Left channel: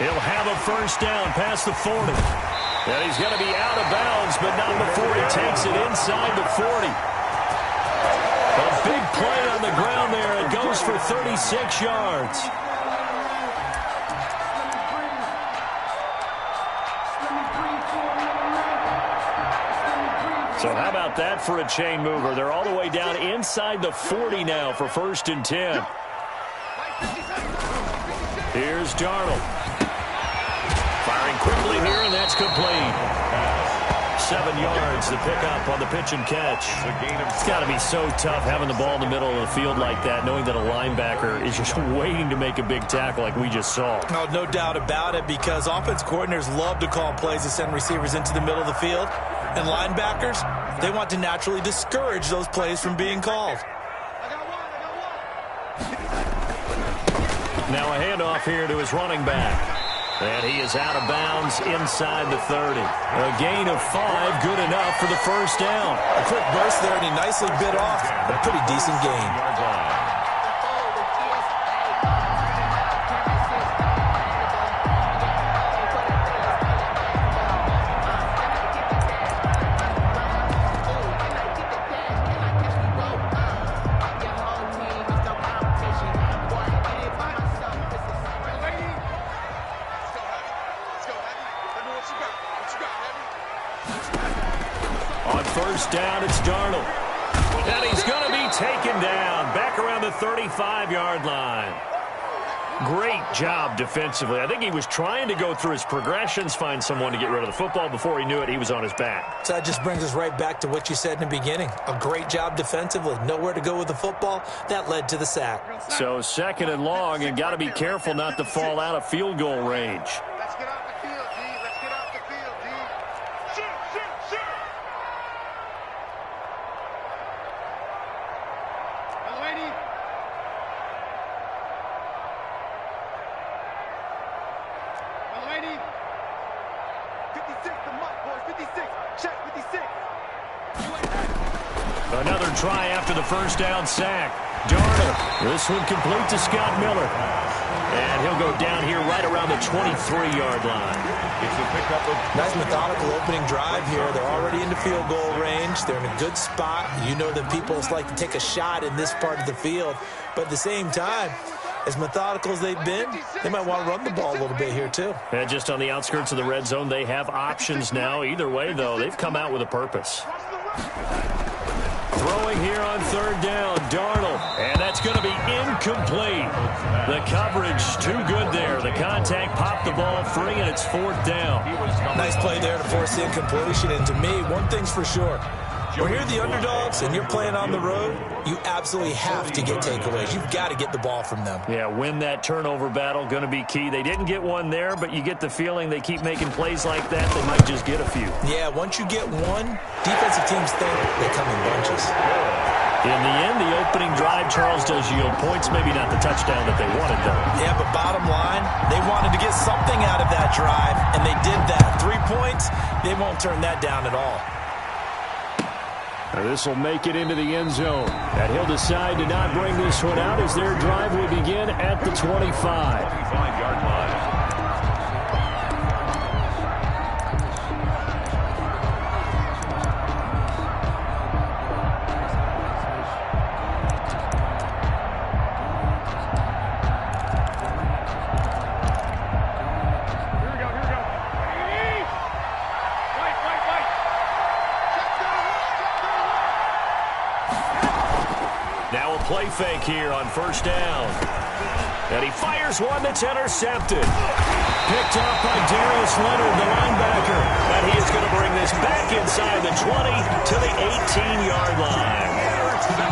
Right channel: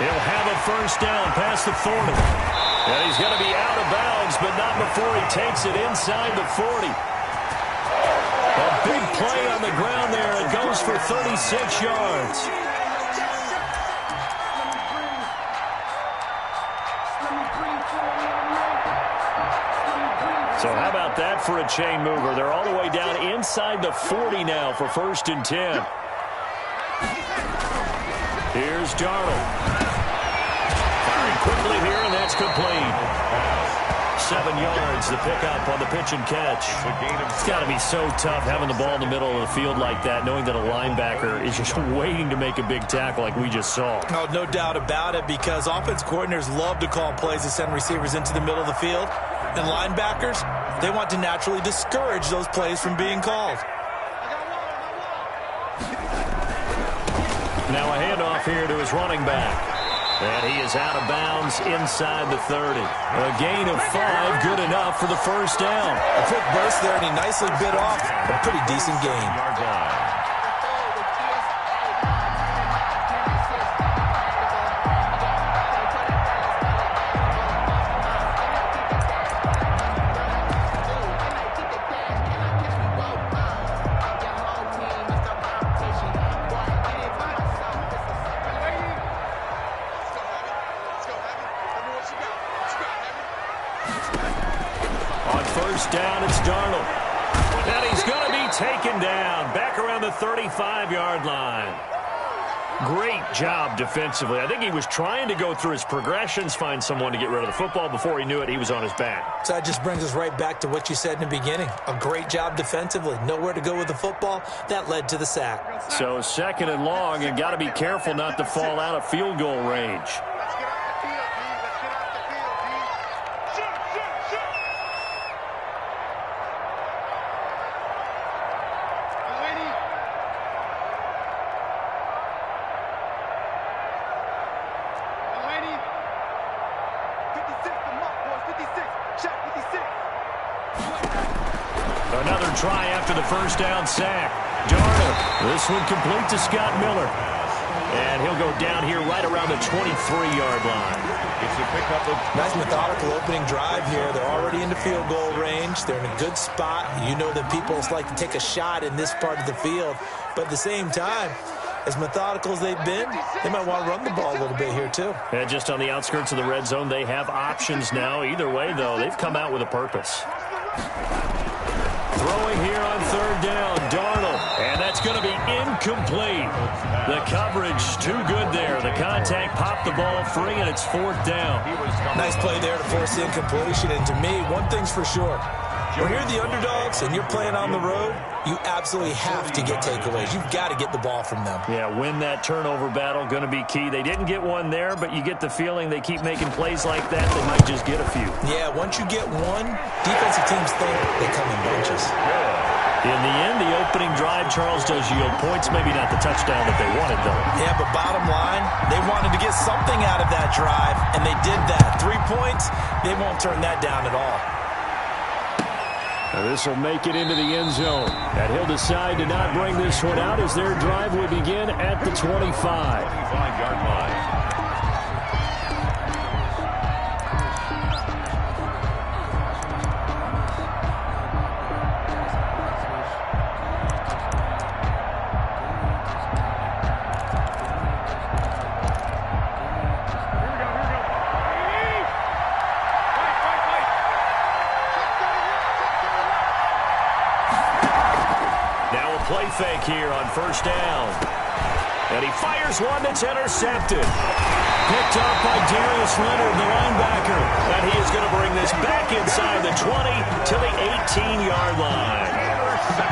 He'll have a first down past the 40. And he's going to be out of bounds, but not before he takes it inside the 40. A big play on the ground there. It goes for 36 yards. So how about that for a chain mover? They're all the way down inside the 40 now for 1st and 10. Here's Darnold. Firing quickly here, and that's complete. 7 yards, the pickup on the pitch and catch. It's got to be so tough having the ball in the middle of the field like that, knowing that a linebacker is just waiting to make a big tackle like we just saw. Oh, no doubt about it, because offense coordinators love to call plays to send receivers into the middle of the field. And linebackers, they want to naturally discourage those plays from being called. Now a handoff here to his running back. And he is out of bounds inside the 30. A gain of 5, good enough for the first down. A quick burst there, and he nicely bit off a pretty decent gain. On first down, it's Darnold. And he's going to be taken down back around the 35-yard line. Great job defensively. I think he was trying to go through his progressions, find someone to get rid of the football. Before he knew it, he was on his back. So that just brings us right back to what you said in the beginning. A great job defensively. Nowhere to go with the football. That led to the sack. So 2nd and long, and got to be careful not to fall out of field goal range. Let's get off the field, D. Let's get off the field, D. Shoot. Lady. Lady. 56, the mark, boys. 56. Check, 56. Another try after the first down sack. Darnold. This one complete to Scott Miller. And he'll go down here right around the 23-yard line. It's a pickup of... Nice methodical opening drive here. They're already into field goal range. They're in a good spot. You know that people like to take a shot in this part of the field. But at the same time, as methodical as they've been, they might want to run the ball a little bit here too. And just on the outskirts of the red zone, they have options now. Either way, though, they've come out with a purpose. Throwing here on 3rd down, Darnold. And that's going to be incomplete. The coverage too good there. The contact popped the ball free, and it's 4th down. Nice play there to force the incompletion. And to me, one thing's for sure. When you're the underdogs and you're playing on the road, you absolutely have to get takeaways. You've got to get the ball from them. Yeah, win that turnover battle, going to be key. They didn't get one there, but you get the feeling they keep making plays like that, they might just get a few. Yeah, once you get one, defensive teams think they come in bunches. In the end, the opening drive, Charles, does yield points. Maybe not the touchdown that they wanted, though. Yeah, but bottom line, they wanted to get something out of that drive, and they did that. 3 points, they won't turn that down at all. Now this will make it into the end zone. And he'll decide to not bring this one out as their drive will begin at the 25. 25-yard line. Now a play fake here on first down. And he fires one that's intercepted. Picked off by Darius Leonard, the linebacker. And he is going to bring this back inside the 20 to the 18-yard line.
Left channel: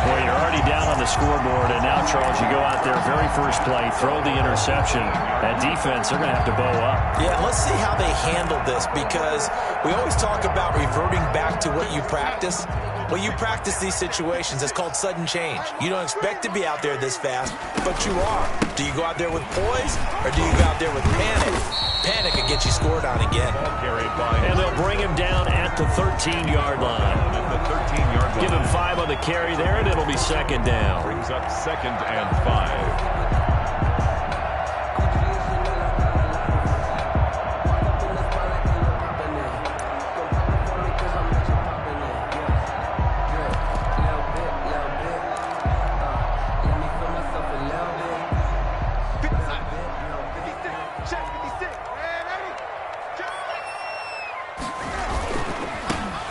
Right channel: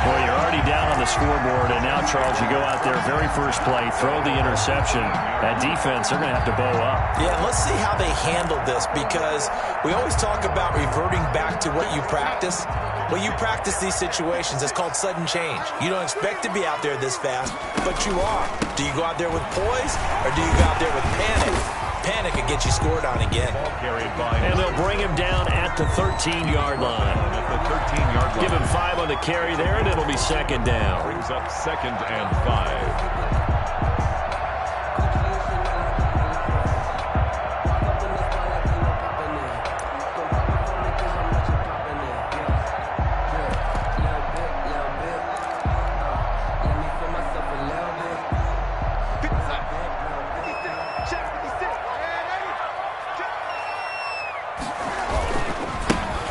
Well, you're already down on the scoreboard, and now, Charles, you go out there, very first play, throw the interception. That defense, they're going to have to bow up. Yeah, let's see how they handle this, because we always talk about reverting back to what you practice. Well, you practice these situations. It's called sudden change. You don't expect to be out there this fast, but you are. Do you go out there with poise, or do you go out there with panic? Panic and get you scored on again. And they'll bring him down at the 13-yard line. Give him 5 on the carry there, and it'll be second down. Brings up 2nd and 5.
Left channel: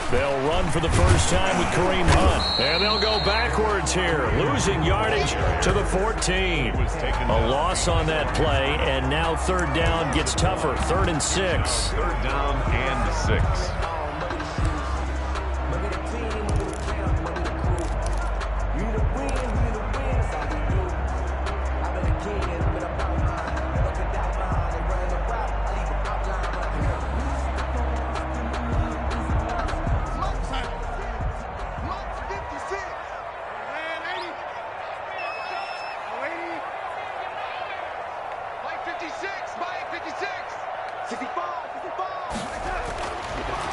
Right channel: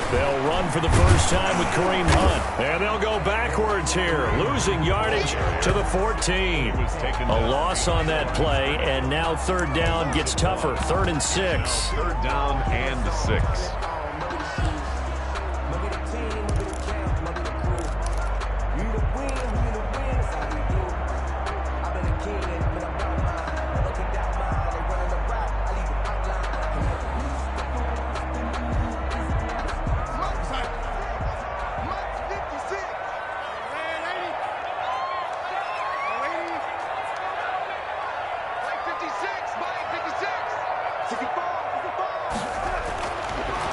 They'll run for the first time with Kareem Hunt. And they'll go backwards here, losing yardage to the 14. A loss on that play, and now third down gets tougher. 3rd and 6. Third down and 6.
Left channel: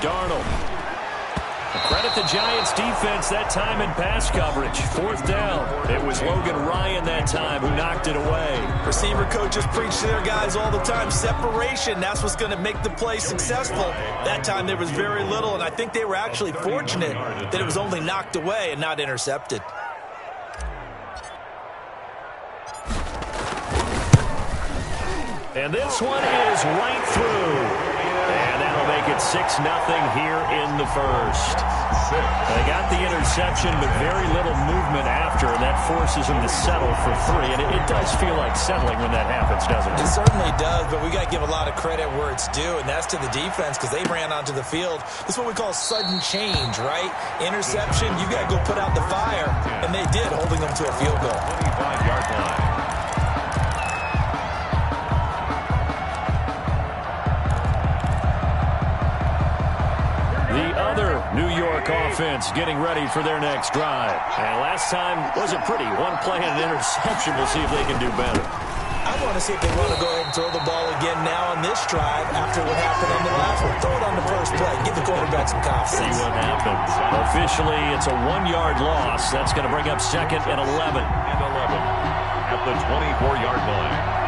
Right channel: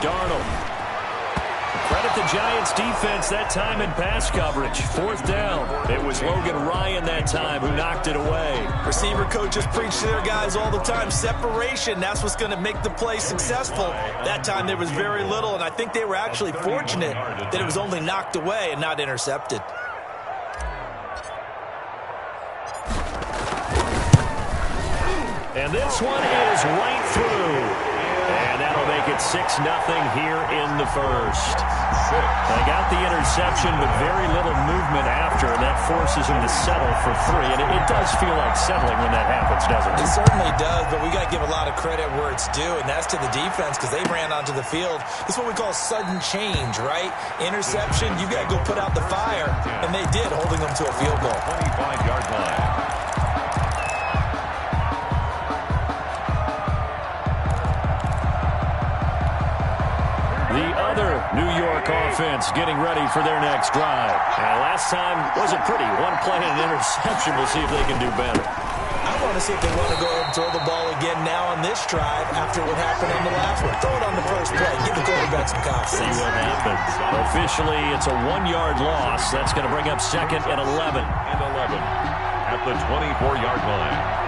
Darnold. Credit the Giants defense that time in pass coverage. 4th down. It was Logan Ryan that time who knocked it away. Receiver coaches preach to their guys all the time. Separation, that's what's going to make the play successful. That time there was very little, and I think they were actually fortunate that it was only knocked away and not intercepted. And this one is right through. And that'll make it 6-0 here in the first. They got the interception, but very little movement after, and that forces them to settle for 3. And it does feel like settling when that happens, doesn't it? It certainly does, but we got to give a lot of credit where it's due, and that's to the defense because they ran onto the field. This is what we call sudden change, right? Interception, you got to go put out the fire, and they did, holding them to a field goal. 25-yard line. The other New York offense getting ready for their next drive. And last time wasn't pretty. One play and an interception. We'll see if they can do better. I want to see if they want to go ahead and throw the ball again now on this drive after what happened on the last one. Throw it on the first play. Give the quarterback some confidence. See what happens. Officially, it's a 1-yard loss. That's going to bring up 2nd and 11. And 11 at the 24-yard line.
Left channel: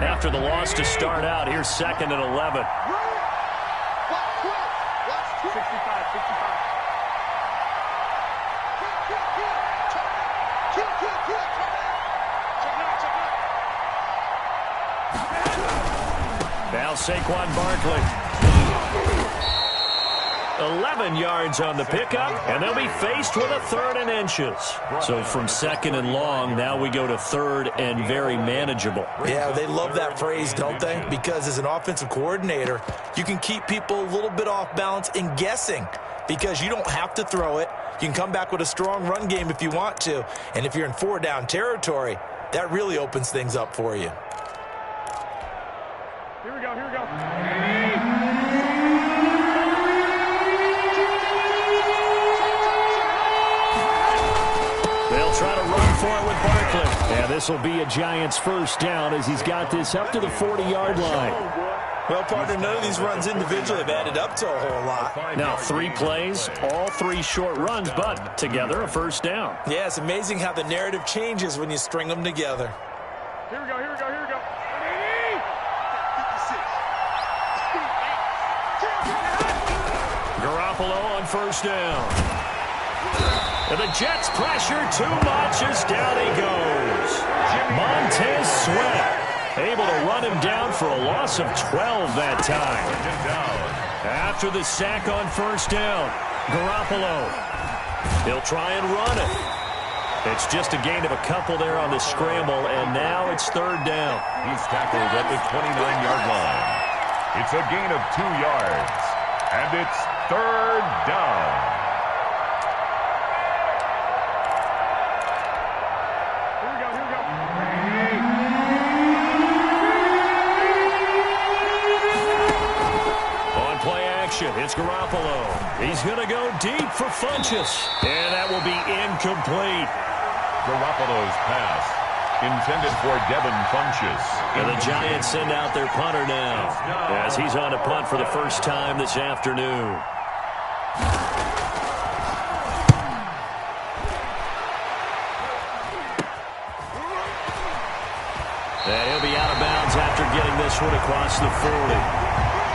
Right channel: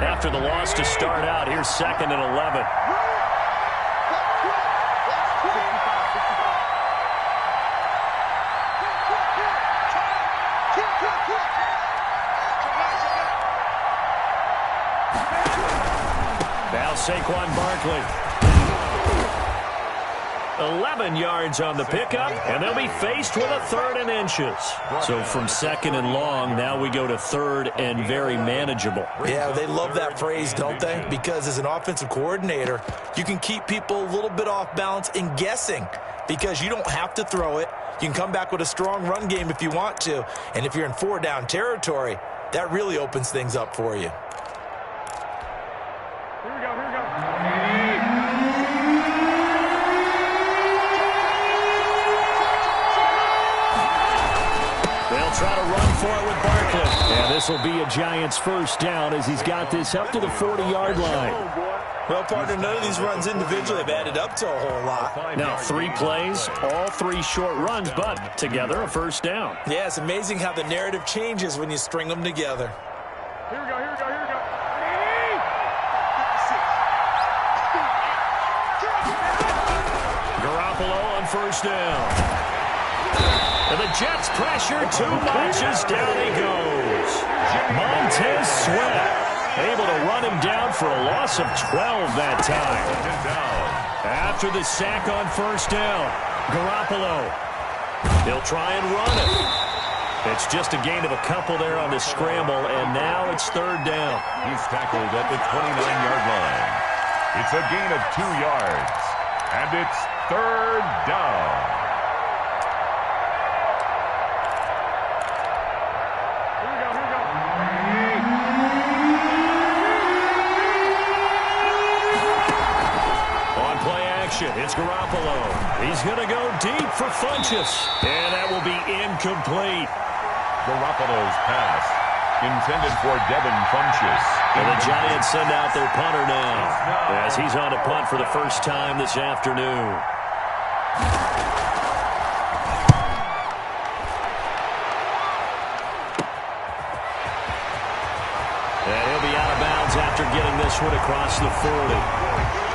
After the loss to start out, here's 2nd and 11. Now Saquon Barkley. 11 yards on the pickup, and they'll be faced with a 3rd and inches. So from 2nd and long, now we go to 3rd and very manageable. Yeah, they love that phrase, don't they? Because as an offensive coordinator, you can keep people a little bit off balance and guessing because you don't have to throw it. You can come back with a strong run game if you want to. And if you're in 4-down territory, that really opens things up for you. Here we go, here we go. They'll try to run for it with Barkley. And this will be a Giants 1st down as he's got this up to the 40-yard line. Well, partner, none of these runs individually have added up to a whole lot. Now 3 plays, all 3 short runs, but together a 1st down. Yeah, it's amazing how the narrative changes when you string them together. Here we go, here we go, here we go. Garoppolo on 1st down. And the Jets pressure too much as down he goes. Montez Sweat able to run him down for a loss of 12 that time. After the sack on 1st down, Garoppolo. He'll try and run it. It's just a gain of a couple there on the scramble, and now it's 3rd down. He's tackled at the 29-yard line. It's a gain of 2 yards, and it's 3rd down. It's Garoppolo. He's going to go deep for Funchess. And that will be incomplete. Garoppolo's pass intended for Devin Funchess. And the Giants send out their punter now as he's on a punt for the first time this afternoon. And he'll be out of bounds after getting this one across the 40.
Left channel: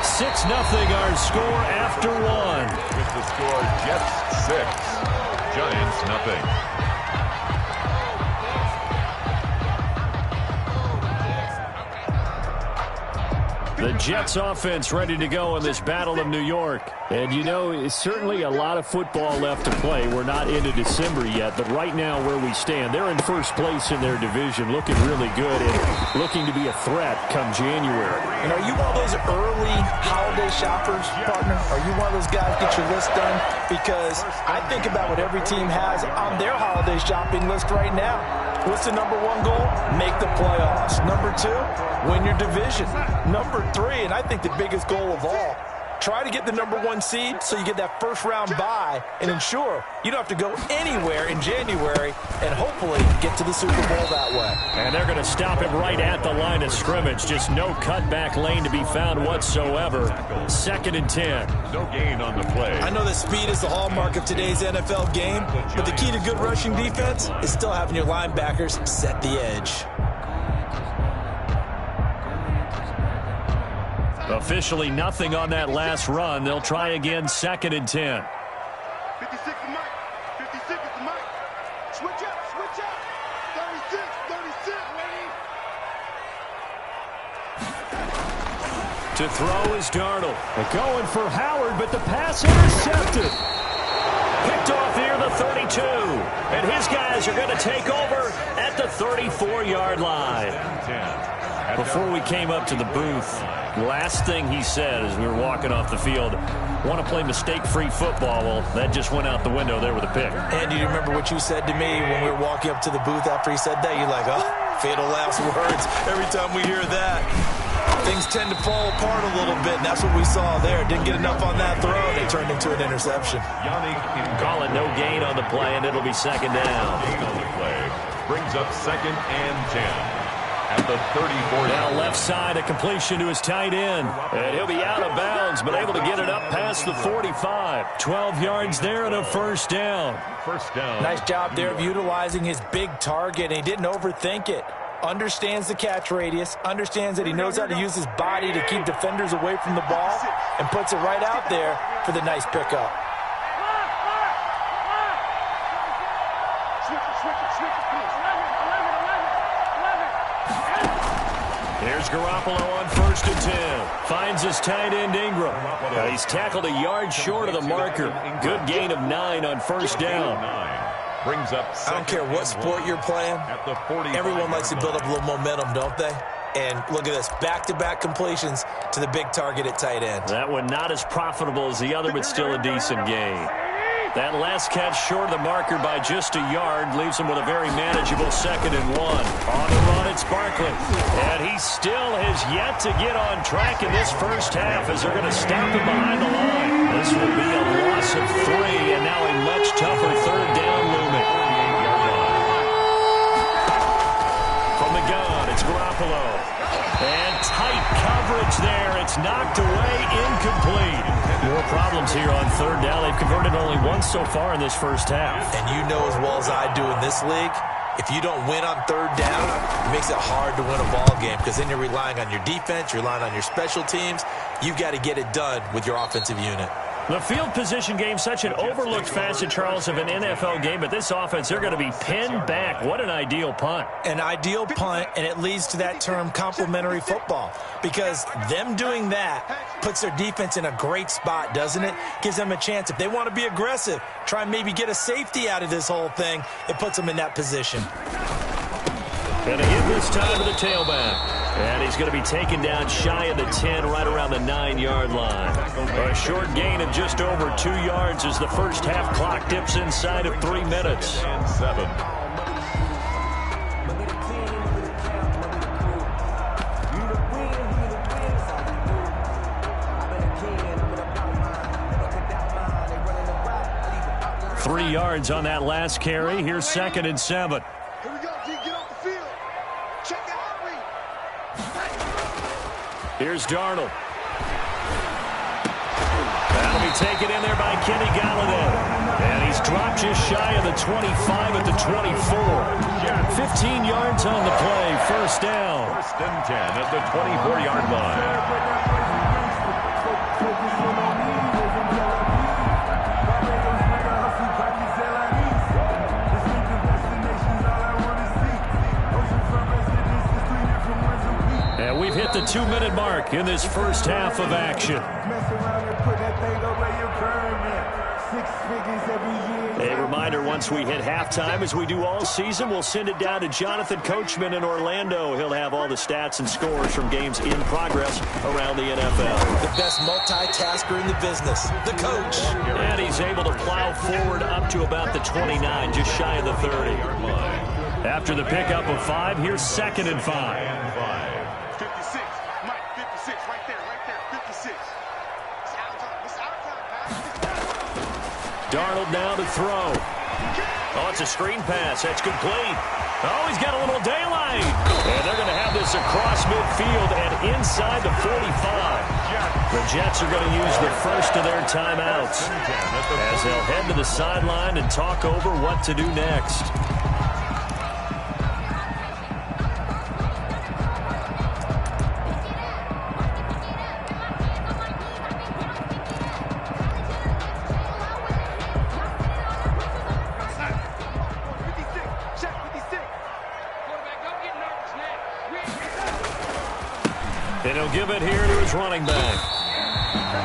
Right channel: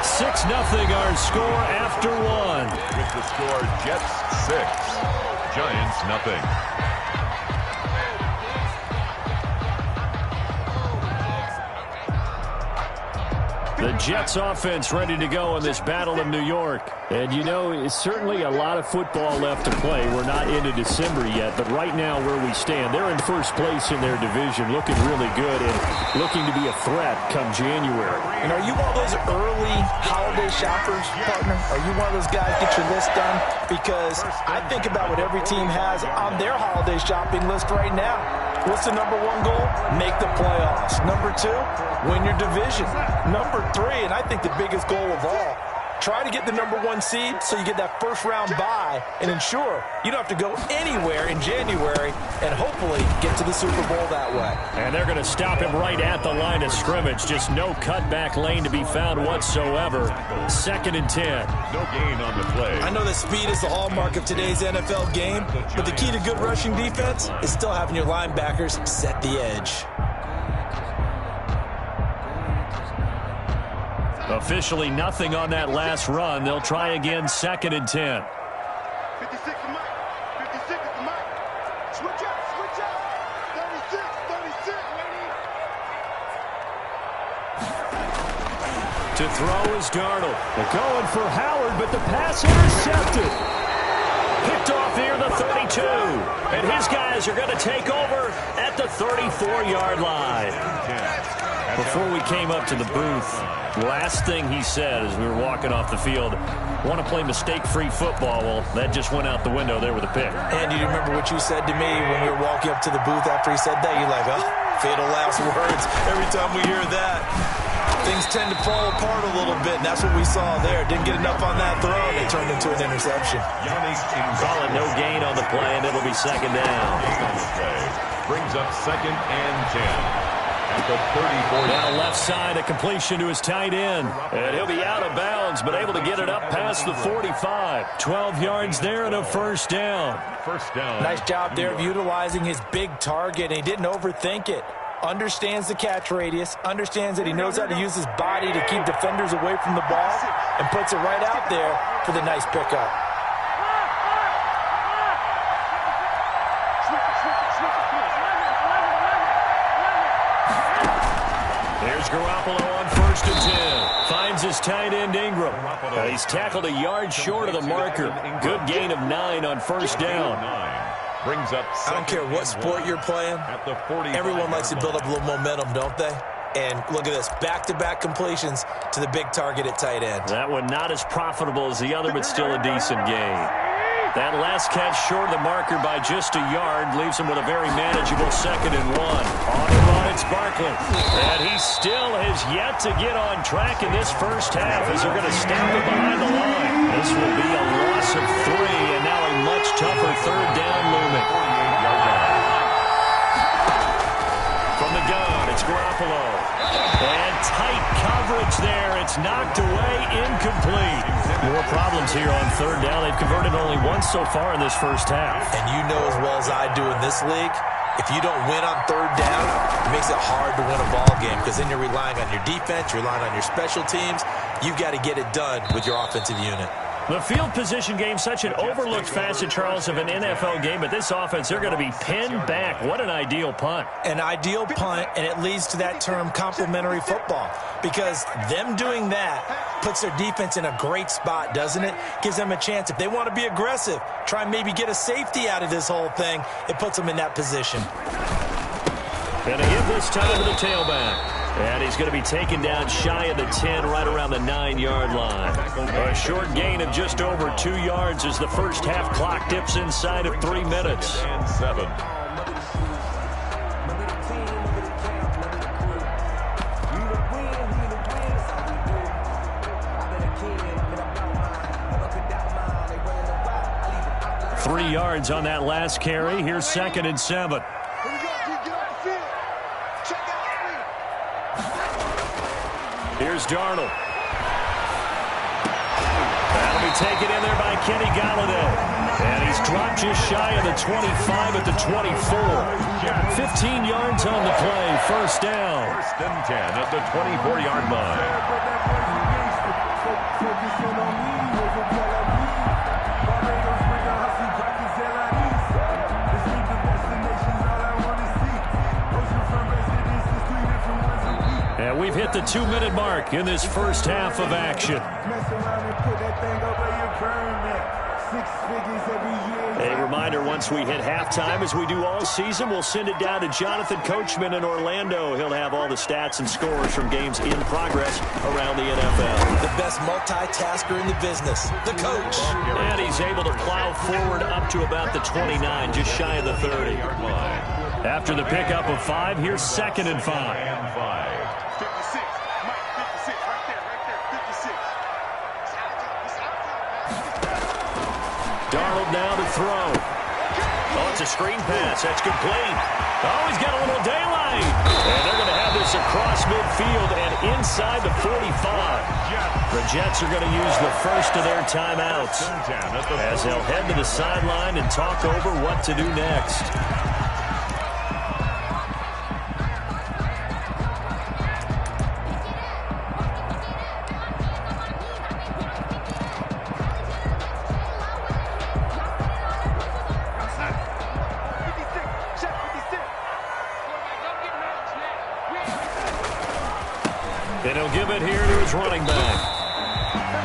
6-0 our score after 1. With the score, Jets 6, Giants nothing. The Jets offense ready to go in this Battle of New York. And, you know, it's certainly a lot of football left to play. We're not into December yet, but right now where we stand, they're in first place in their division, looking really good and looking to be a threat come January. And are you one of those early holiday shoppers, partner? Are you one of those guys get your list done? Because I think about what every team has on their holiday shopping list right now. What's the number one goal? Make the playoffs. Number two, win your division. Number three, and I think the biggest goal of all, try to get the number one seed so you get that first round bye and ensure you don't have to go anywhere in January and hopefully get to the Super Bowl that way. And they're going to stop him right at the line of scrimmage. Just no cutback lane to be found whatsoever. 2nd and 10. No gain on the play. I know that speed is the hallmark of today's NFL game, but the key to good rushing defense is still having your linebackers set the edge. Officially nothing on that last run. They'll try again, 2nd and 10. 56 is Mike. 56 is the Mike. Switch up, switch up. 36, 36, lady. To throw is Darnold. They're going for Howard, but the pass intercepted. Picked off near the 32. And his guys are going to take over at the 34-yard line. Before we came up to the booth, last thing he said as we were walking off the field, want to play mistake-free football. Well, that just went out the window there with a pick. And do you remember what you said to me when we were walking up to the booth after he said that? You're like, oh, fatal last words. Every time we hear that, things tend to fall apart a little bit, and that's what we saw there. Didn't get enough on that throw, and it turned into an interception. Call it no gain on the play, and it'll be 2nd down. Gain on the play brings up 2nd and 10. At the 34. Now left side, a completion to his tight end. And he'll be out of bounds, but able to get it up past the 45. 12 yards there and a first down. First down. Nice job there of utilizing his big target, and he didn't overthink it. Understands the catch radius, understands that he knows how to use his body to keep defenders away from the ball, and puts it right out there for the nice pickup. There's Garoppolo on 1st and 10. Finds his tight end Ingram. He's tackled a yard short of the marker. Good gain of 9 on first down. Brings up. I don't care what sport you're playing. Everyone likes to build up a little momentum, don't they? And look at this, back-to-back completions to the big target at tight end. That one not as profitable as the other, but still a decent gain. That last catch short of the marker by just a yard leaves him with a very manageable 2nd and 1. On the run, it's Barkley. And he still has yet to get on track in this first half as they're going to stop him behind the line. This will be a loss of 3, and now a much tougher 3rd down looming. 48-yard line. From the gun, it's Garoppolo. And tight coverage there. It's knocked away, incomplete. More problems here on 3rd down. They've converted only once so far in this first half. And you know as well as I do in this league, if you don't win on 3rd down, it makes it hard to win a ball game because then you're relying on your defense, you're relying on your special teams. You've got to get it done with your offensive unit. The field position game, such an overlooked facet, Charles, of an NFL game, but this offense, they're going to be pinned back. What an ideal punt. An ideal punt, and it leads to that term complementary football, because them doing that puts their defense in a great spot, doesn't it? Gives them a chance. If they want to be aggressive, try and maybe get a safety out of this whole thing, it puts them in that position. And a hit this time to the tailback. And he's going to be taken down shy of the 10, right around the 9-yard line. A short gain of just over 2 yards as the first half clock dips inside of 3 minutes. And 7. Three yards on that last carry. Here's 2nd and 7. Here we go, D. Get off the field. Check out Here's Darnold. That'll be taken in there by Kenny Galladay. And he's dropped just shy of the 25 at the 24. 15 yards on the play. First down. 1st and 10 at the 24-yard line. And we've hit the 2-minute mark in this first half of action. Mess around and put that thing over your permit. 6 figures every year. A reminder, once we hit halftime, as we do all season, we'll send it down to Jonathan Coachman in Orlando. He'll have all the stats and scores from games in progress around the NFL. The best multitasker in the business, the coach. And he's able to plow forward up to about the 29, just shy of the 30. After the pickup of 5, here's 2nd and 5. 56, Mike, 56, right there, 56. It's our time, Darnold now to throw. Oh, it's a screen pass. That's complete. Oh, he's got a little daylight. And they're going to have this across midfield and inside the 45. The Jets are going to use the first of their timeouts as they'll head to the sideline and talk over what to do next. And he'll give it here to his running back.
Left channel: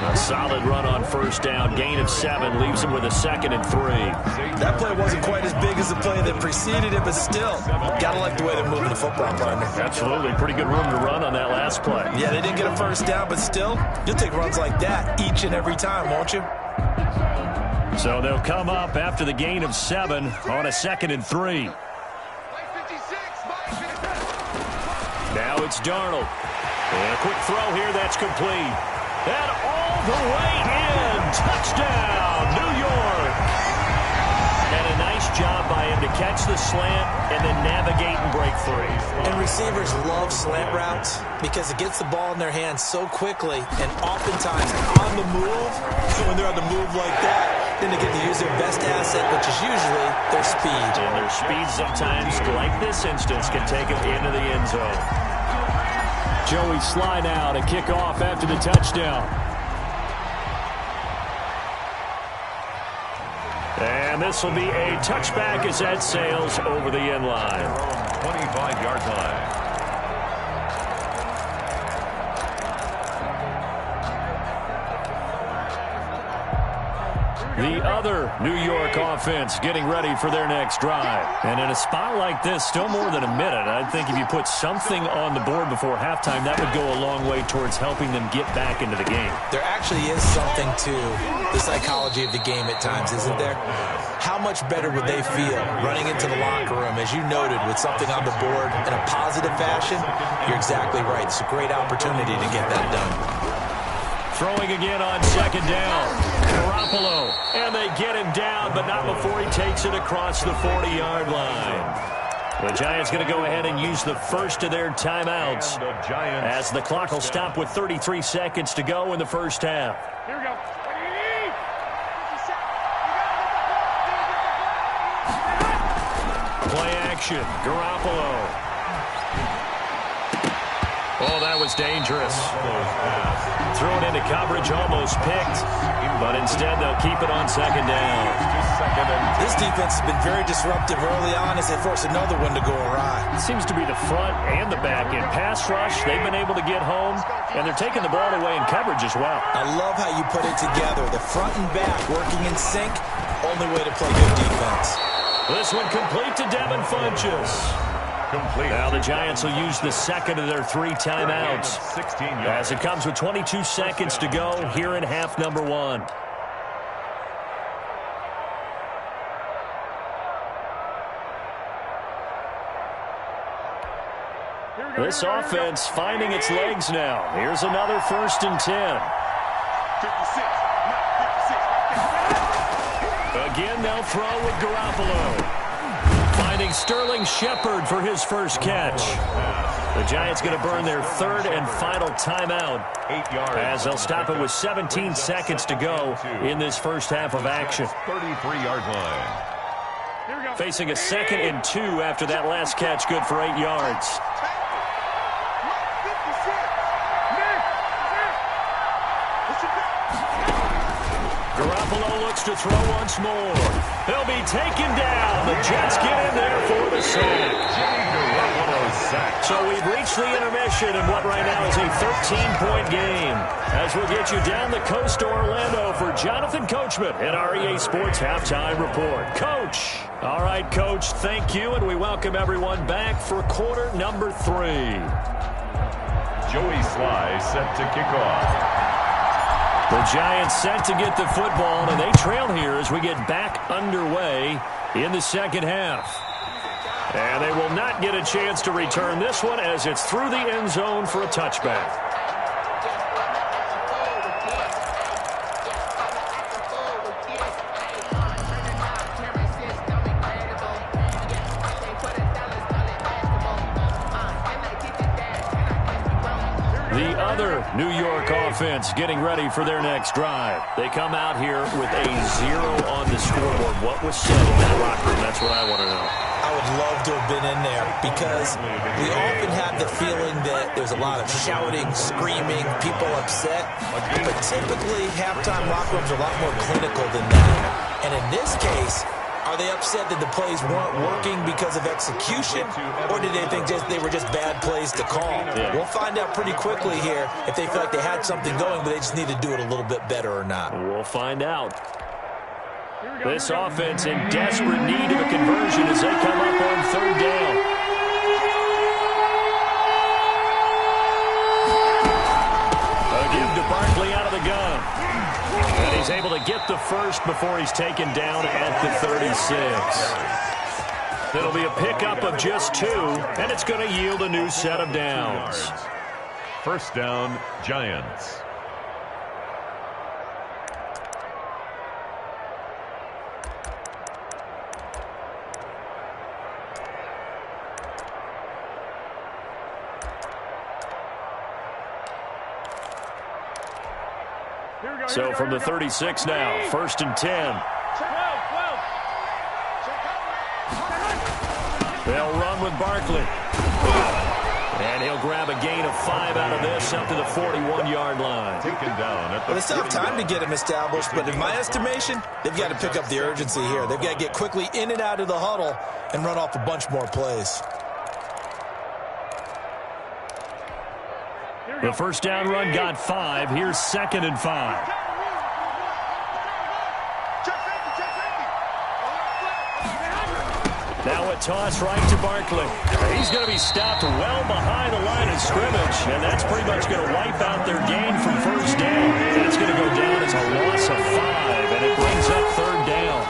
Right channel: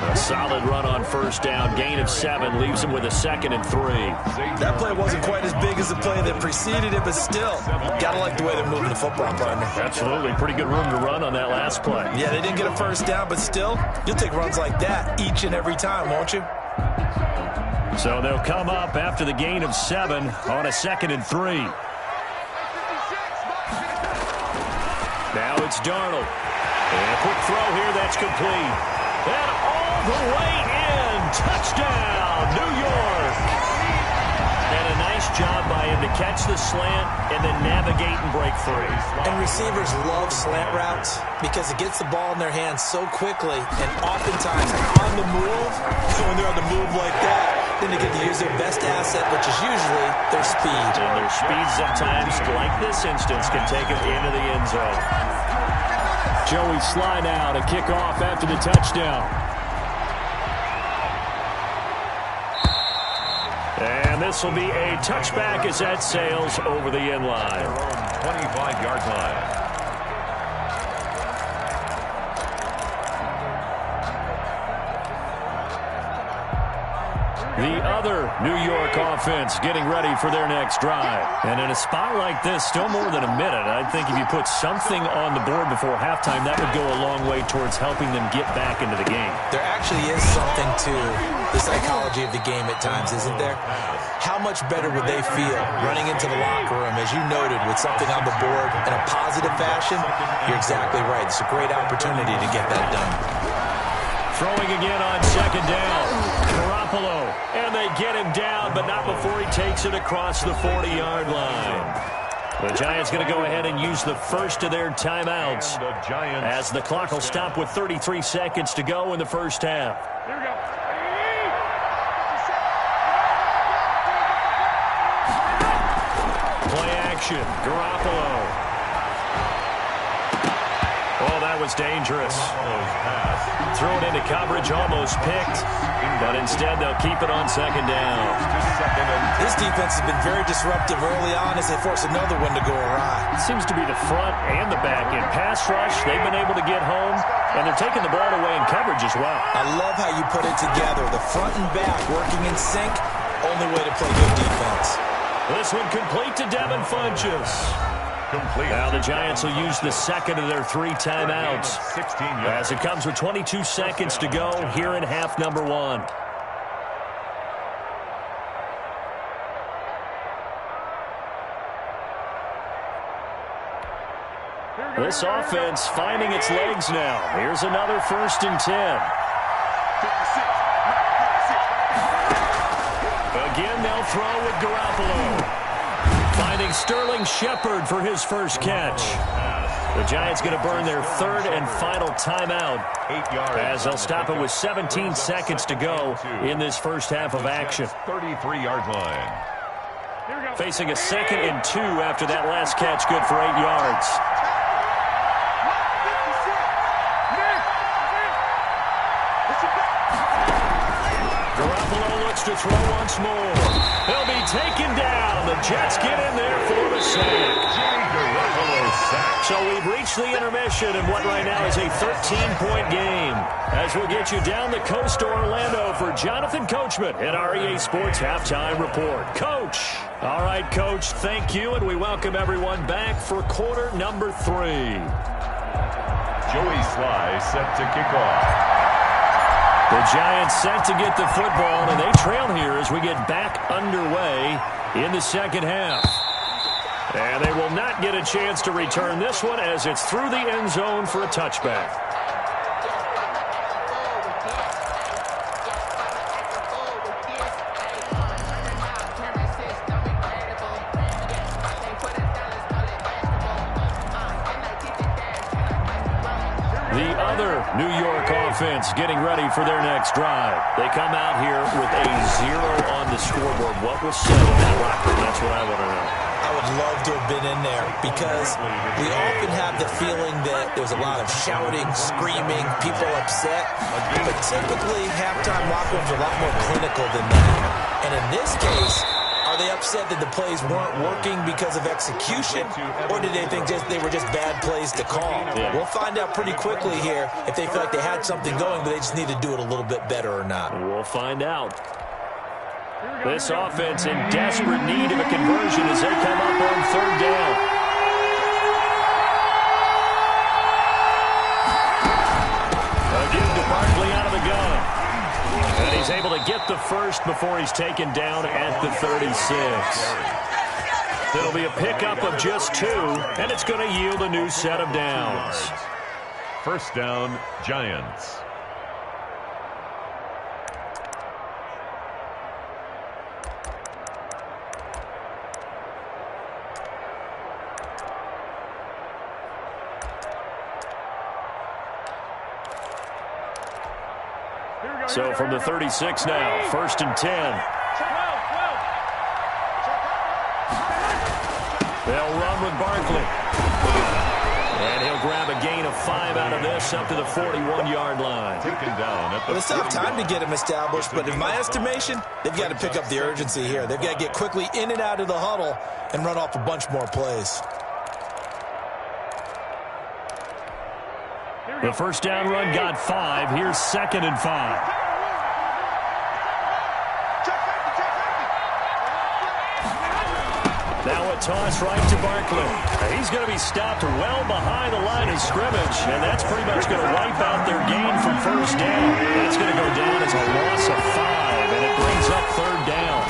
A solid run on first down. Gain of 7 leaves him with a 2nd and 3. That play wasn't quite as big as the play that preceded it, but still, gotta like the way they're moving the football, partner. Absolutely. Pretty good room to run on that last play. Yeah, they didn't get a first down, but still, you'll take runs like that each and every time, won't you? So they'll come up after the gain of 7 on a 2nd and 3. Now it's Darnold. And a quick throw here, that's complete. And all the way in. Touchdown, New York. And a nice job by him to catch the slant and then navigate and break free. And receivers love slant routes because it gets the ball in their hands so quickly and oftentimes on the move. So when they're on the move like that, then they get to use their best asset, which is usually their speed. And their speed sometimes, like this instance, can take them into the end zone. Joey Sly now to kick off after the touchdown. And this will be a touchback as that sails over the end line. 25-yard line. The other New York offense getting ready for their next drive. And in a spot like this, still more than a minute, I think if you put something on the board before halftime, that would go a long way towards helping them get back into the game. There actually is something to the psychology of the game at times, isn't there? How much better would they feel running into the locker room, as you noted, with something on the board in a positive fashion? You're exactly right. It's a great opportunity to get that done. Throwing again on 2nd down. Garoppolo. And they get him down, but not before he takes it across the 40-yard line. The Giants going to go ahead and use the first of their timeouts as the clock will stop with 33 seconds to go in the first half. Here we go. Play action. Garoppolo. Oh, that was dangerous. Threw it into coverage, almost picked, but instead they'll keep it on 2nd down. This defense has been very disruptive early on as they force another one to go awry. It seems to be the front and the back end. Pass rush, they've been able to get home, and they're taking the ball away in coverage as well. I love how you put it together. The front and back working in sync, only way to play good defense. This one complete to Devin Funchess. Complete. Now the Giants will use the 2nd of their 3 timeouts as it comes with 22 seconds to go here in half number 1. This offense finding its legs now. Here's another 1st and 10. 56, Mike, 56, right there. Again, they'll throw with Garoppolo. Finding Sterling Shepard for his first catch. The Giants going to burn their 3rd and final timeout 8 yards as they'll stop it with 17 seconds to go in this first half of action. 33-yard line. Facing a 2nd and 2 after that last catch, good for 8 yards. Garoppolo looks to throw once more. He'll be taken down. The Jets get in there for the sack. Jimmy Garoppolo a sack. So we've reached the intermission in what right now is a 13-point game. As we'll get you down the coast to Orlando for Jonathan Coachman in our EA Sports Halftime Report. Coach. All right, Coach, thank you, and we welcome everyone back for quarter number 3. Joey Sly set to kick off. The Giants set to get the football, and they trail here as we get back underway in the second half. And they will not get a chance to return this one as it's through the end zone for a touchback. The other New York offense getting ready for their next drive. They come out here with a 0 on the scoreboard. What was said in that locker room? That's what I want to know. I would love to have been in there because we often have the feeling that there's a lot of shouting, screaming, people upset. But typically, halftime locker rooms are a lot more clinical than that. And in this case, are they upset that the plays weren't working because of execution, or did they think they were just bad plays to call? Yeah. We'll find out pretty quickly here if they feel like they had something going, but they just need to do it a little bit better or not. We'll find out. This offense in desperate need of a conversion as they come up on third down. A give to Barkley out of the gun. And he's able to get the first before he's taken down at the 36. It'll be a pickup of just 2, and it's going to yield a new set of downs. First down, Giants. So from the 36 now, 1st and 10. They'll run with Barkley. And he'll grab a gain of 5 out of this up to the 41-yard line. Taken down at the Well, it's not time to get him established, but in my estimation, they've got to pick up the urgency here. They've got to get quickly in and out of the huddle and run off a bunch more plays. The first down run got 5. Here's 2nd and 5. Now a toss right to Barkley. He's going to be stopped well behind the line of scrimmage, and that's pretty much going to wipe out their gain from first down. That's going to go down as a loss of 5, and it brings up third down.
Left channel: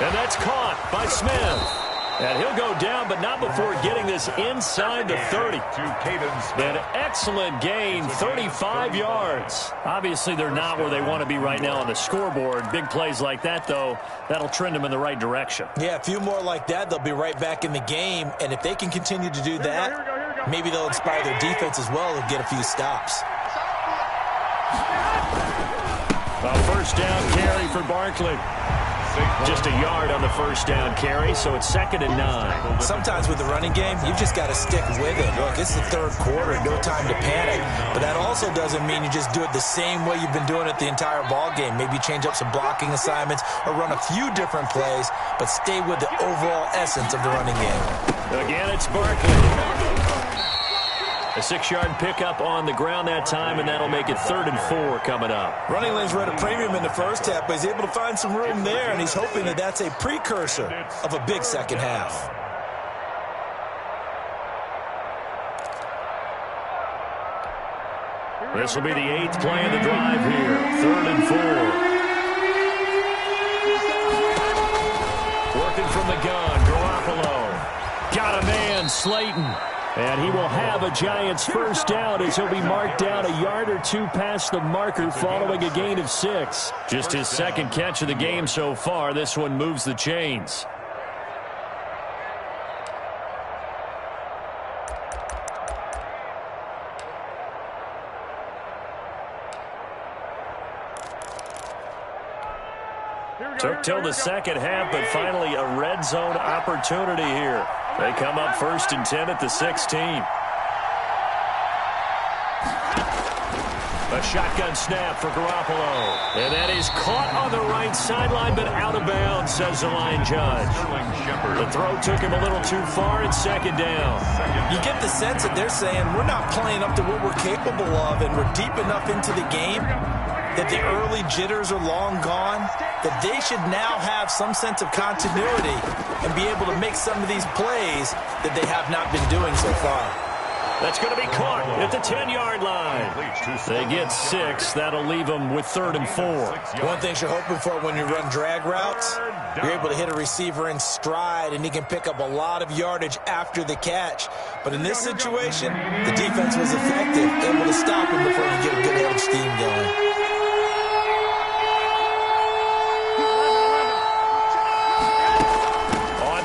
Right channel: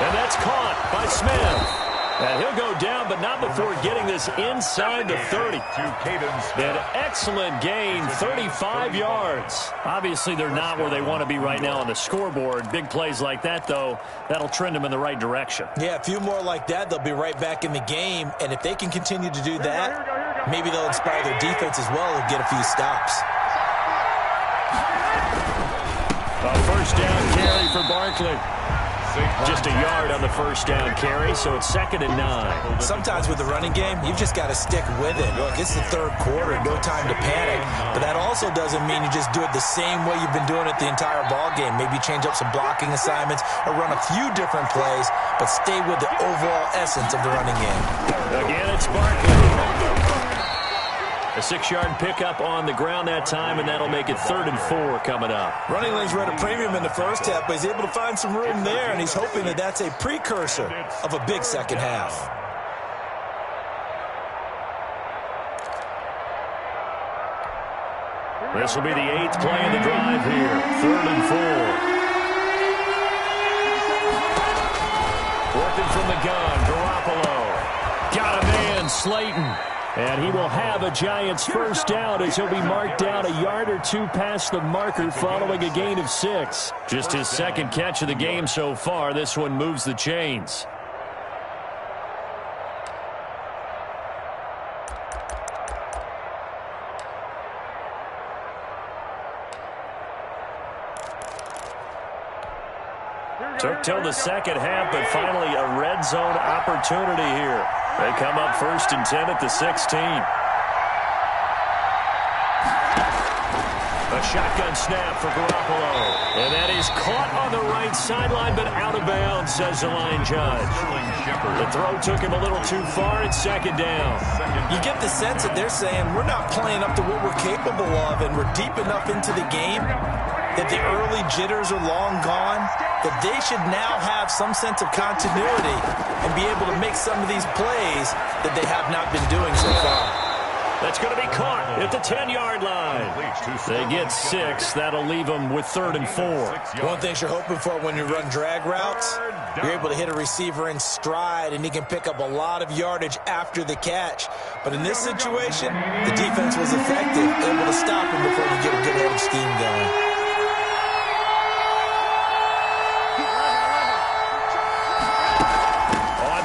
And that's caught by Smith. And he'll go down, but not before getting this inside the 30. An excellent gain, 35 yards. Obviously, they're not where they want to be right now on the scoreboard. Big plays like that, though, that'll trend them in the right direction. Yeah, a few more like that, they'll be right back in the game. And if they can continue to do that, maybe they'll inspire their defense as well and get a few stops. A first down carry for Barkley. Just a yard on the first down carry, so it's 2nd and 9. Sometimes with the running game, you've just got to stick with it. Look, it's the third quarter, no time to panic. But that also doesn't mean you just do it the same way you've been doing it the entire ball game. Maybe change up some blocking assignments or run a few different plays, but stay with the overall essence of the running game. Again, it's Barkley. A 6-yard pickup on the ground that time, and that'll make it 3rd and 4 coming up. Running lanes were at a premium in the first half, but he's able to find some room there, and he's hoping that that's a precursor of a big second half. This will be the 8th play of the drive here. 3rd and 4. Working from the gun, Garoppolo. Got a man, Slayton. And he will have a Giants first down as he'll be marked down a yard or 2 past the marker following a gain of 6. Just his 2nd catch of the game so far. This one moves the chains. Took till the second half, but finally a red zone opportunity here. They come up 1st and 10 at the 16. A shotgun snap for Garoppolo. And that is caught on the right sideline, but out of bounds, says the line judge. The throw took him a little too far. It's second down. You get the sense that they're saying we're not playing up to what we're capable of, and we're deep enough into the game that the early jitters are long gone, that they should now have some sense of continuity and be able to make some of these plays that they have not been doing so far. That's going to be caught at the 10-yard line. They get 6. That'll leave them with 3rd and 4. One thing you're hoping for when you run drag routes, you're able to hit a receiver in stride, and he can pick up a lot of yardage after the catch. But in this situation, the defense was effective, able to stop him before you get a good head of steam going.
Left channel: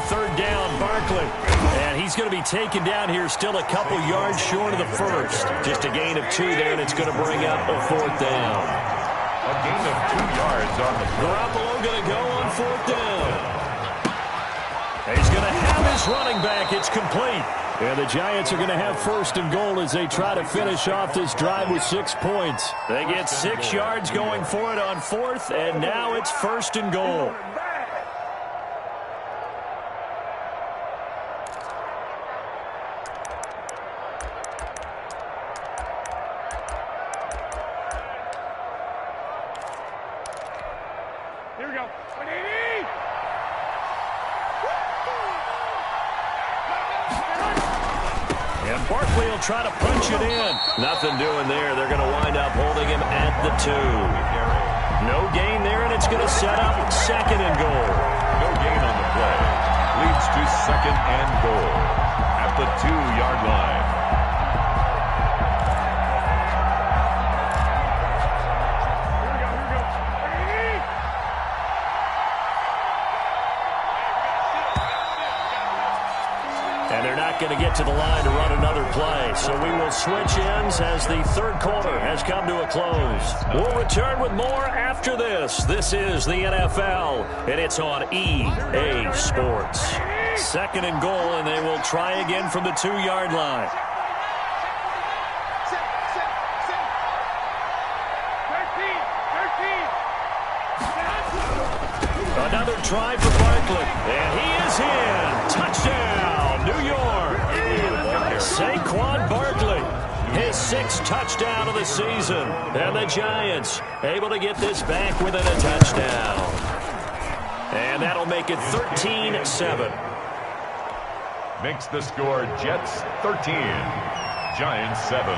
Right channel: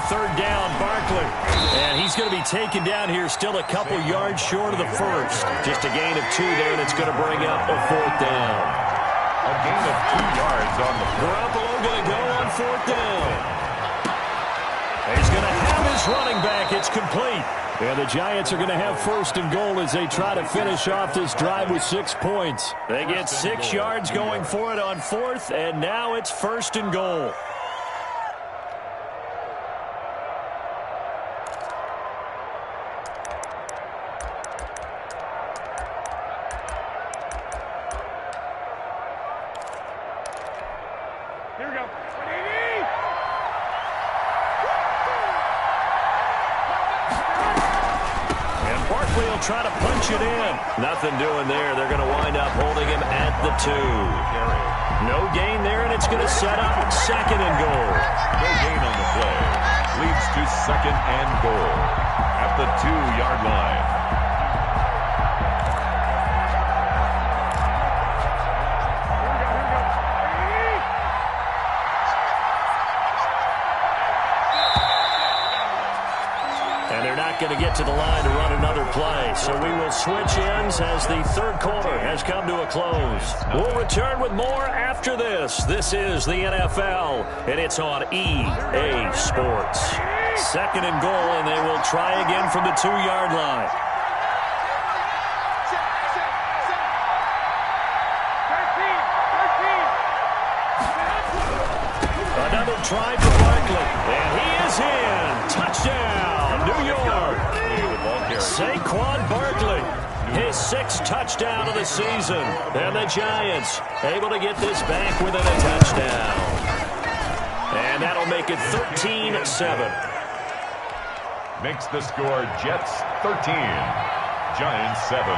Third down, Barkley. And he's going to be taken down here, still a couple yards short of the first. Just a gain of 2 there, and it's going to bring up a 4th down. A gain of 2 yards on the play. Garoppolo going to go on 4th down. He's going to have his running back. It's complete. And the Giants are going to have 1st and goal as they try to finish off this drive with 6 points. They get 6 yards going for it on 4th, and now it's 1st and goal. Here we go. And Barkley will try to punch it in. Nothing doing there. They're going to wind up holding him at the 2. No gain there, and it's going to set up 2nd and goal. No gain on the play. Leads to 2nd and goal at the 2-yard line. And they're not going to get to the line to run another play. So we will switch ends as the 3rd quarter has come to a close. We'll return with more after this. This is the NFL, and it's on EA Sports. 2nd and goal, and they will try again from the 2-yard line. Another try for Barkley, and he is in. Touchdown, New York. Saquon Barkley, his 6th touchdown of the season. And the Giants able to get this back within a touchdown. And that'll make it 13-7. Makes the score Jets 13, Giants 7.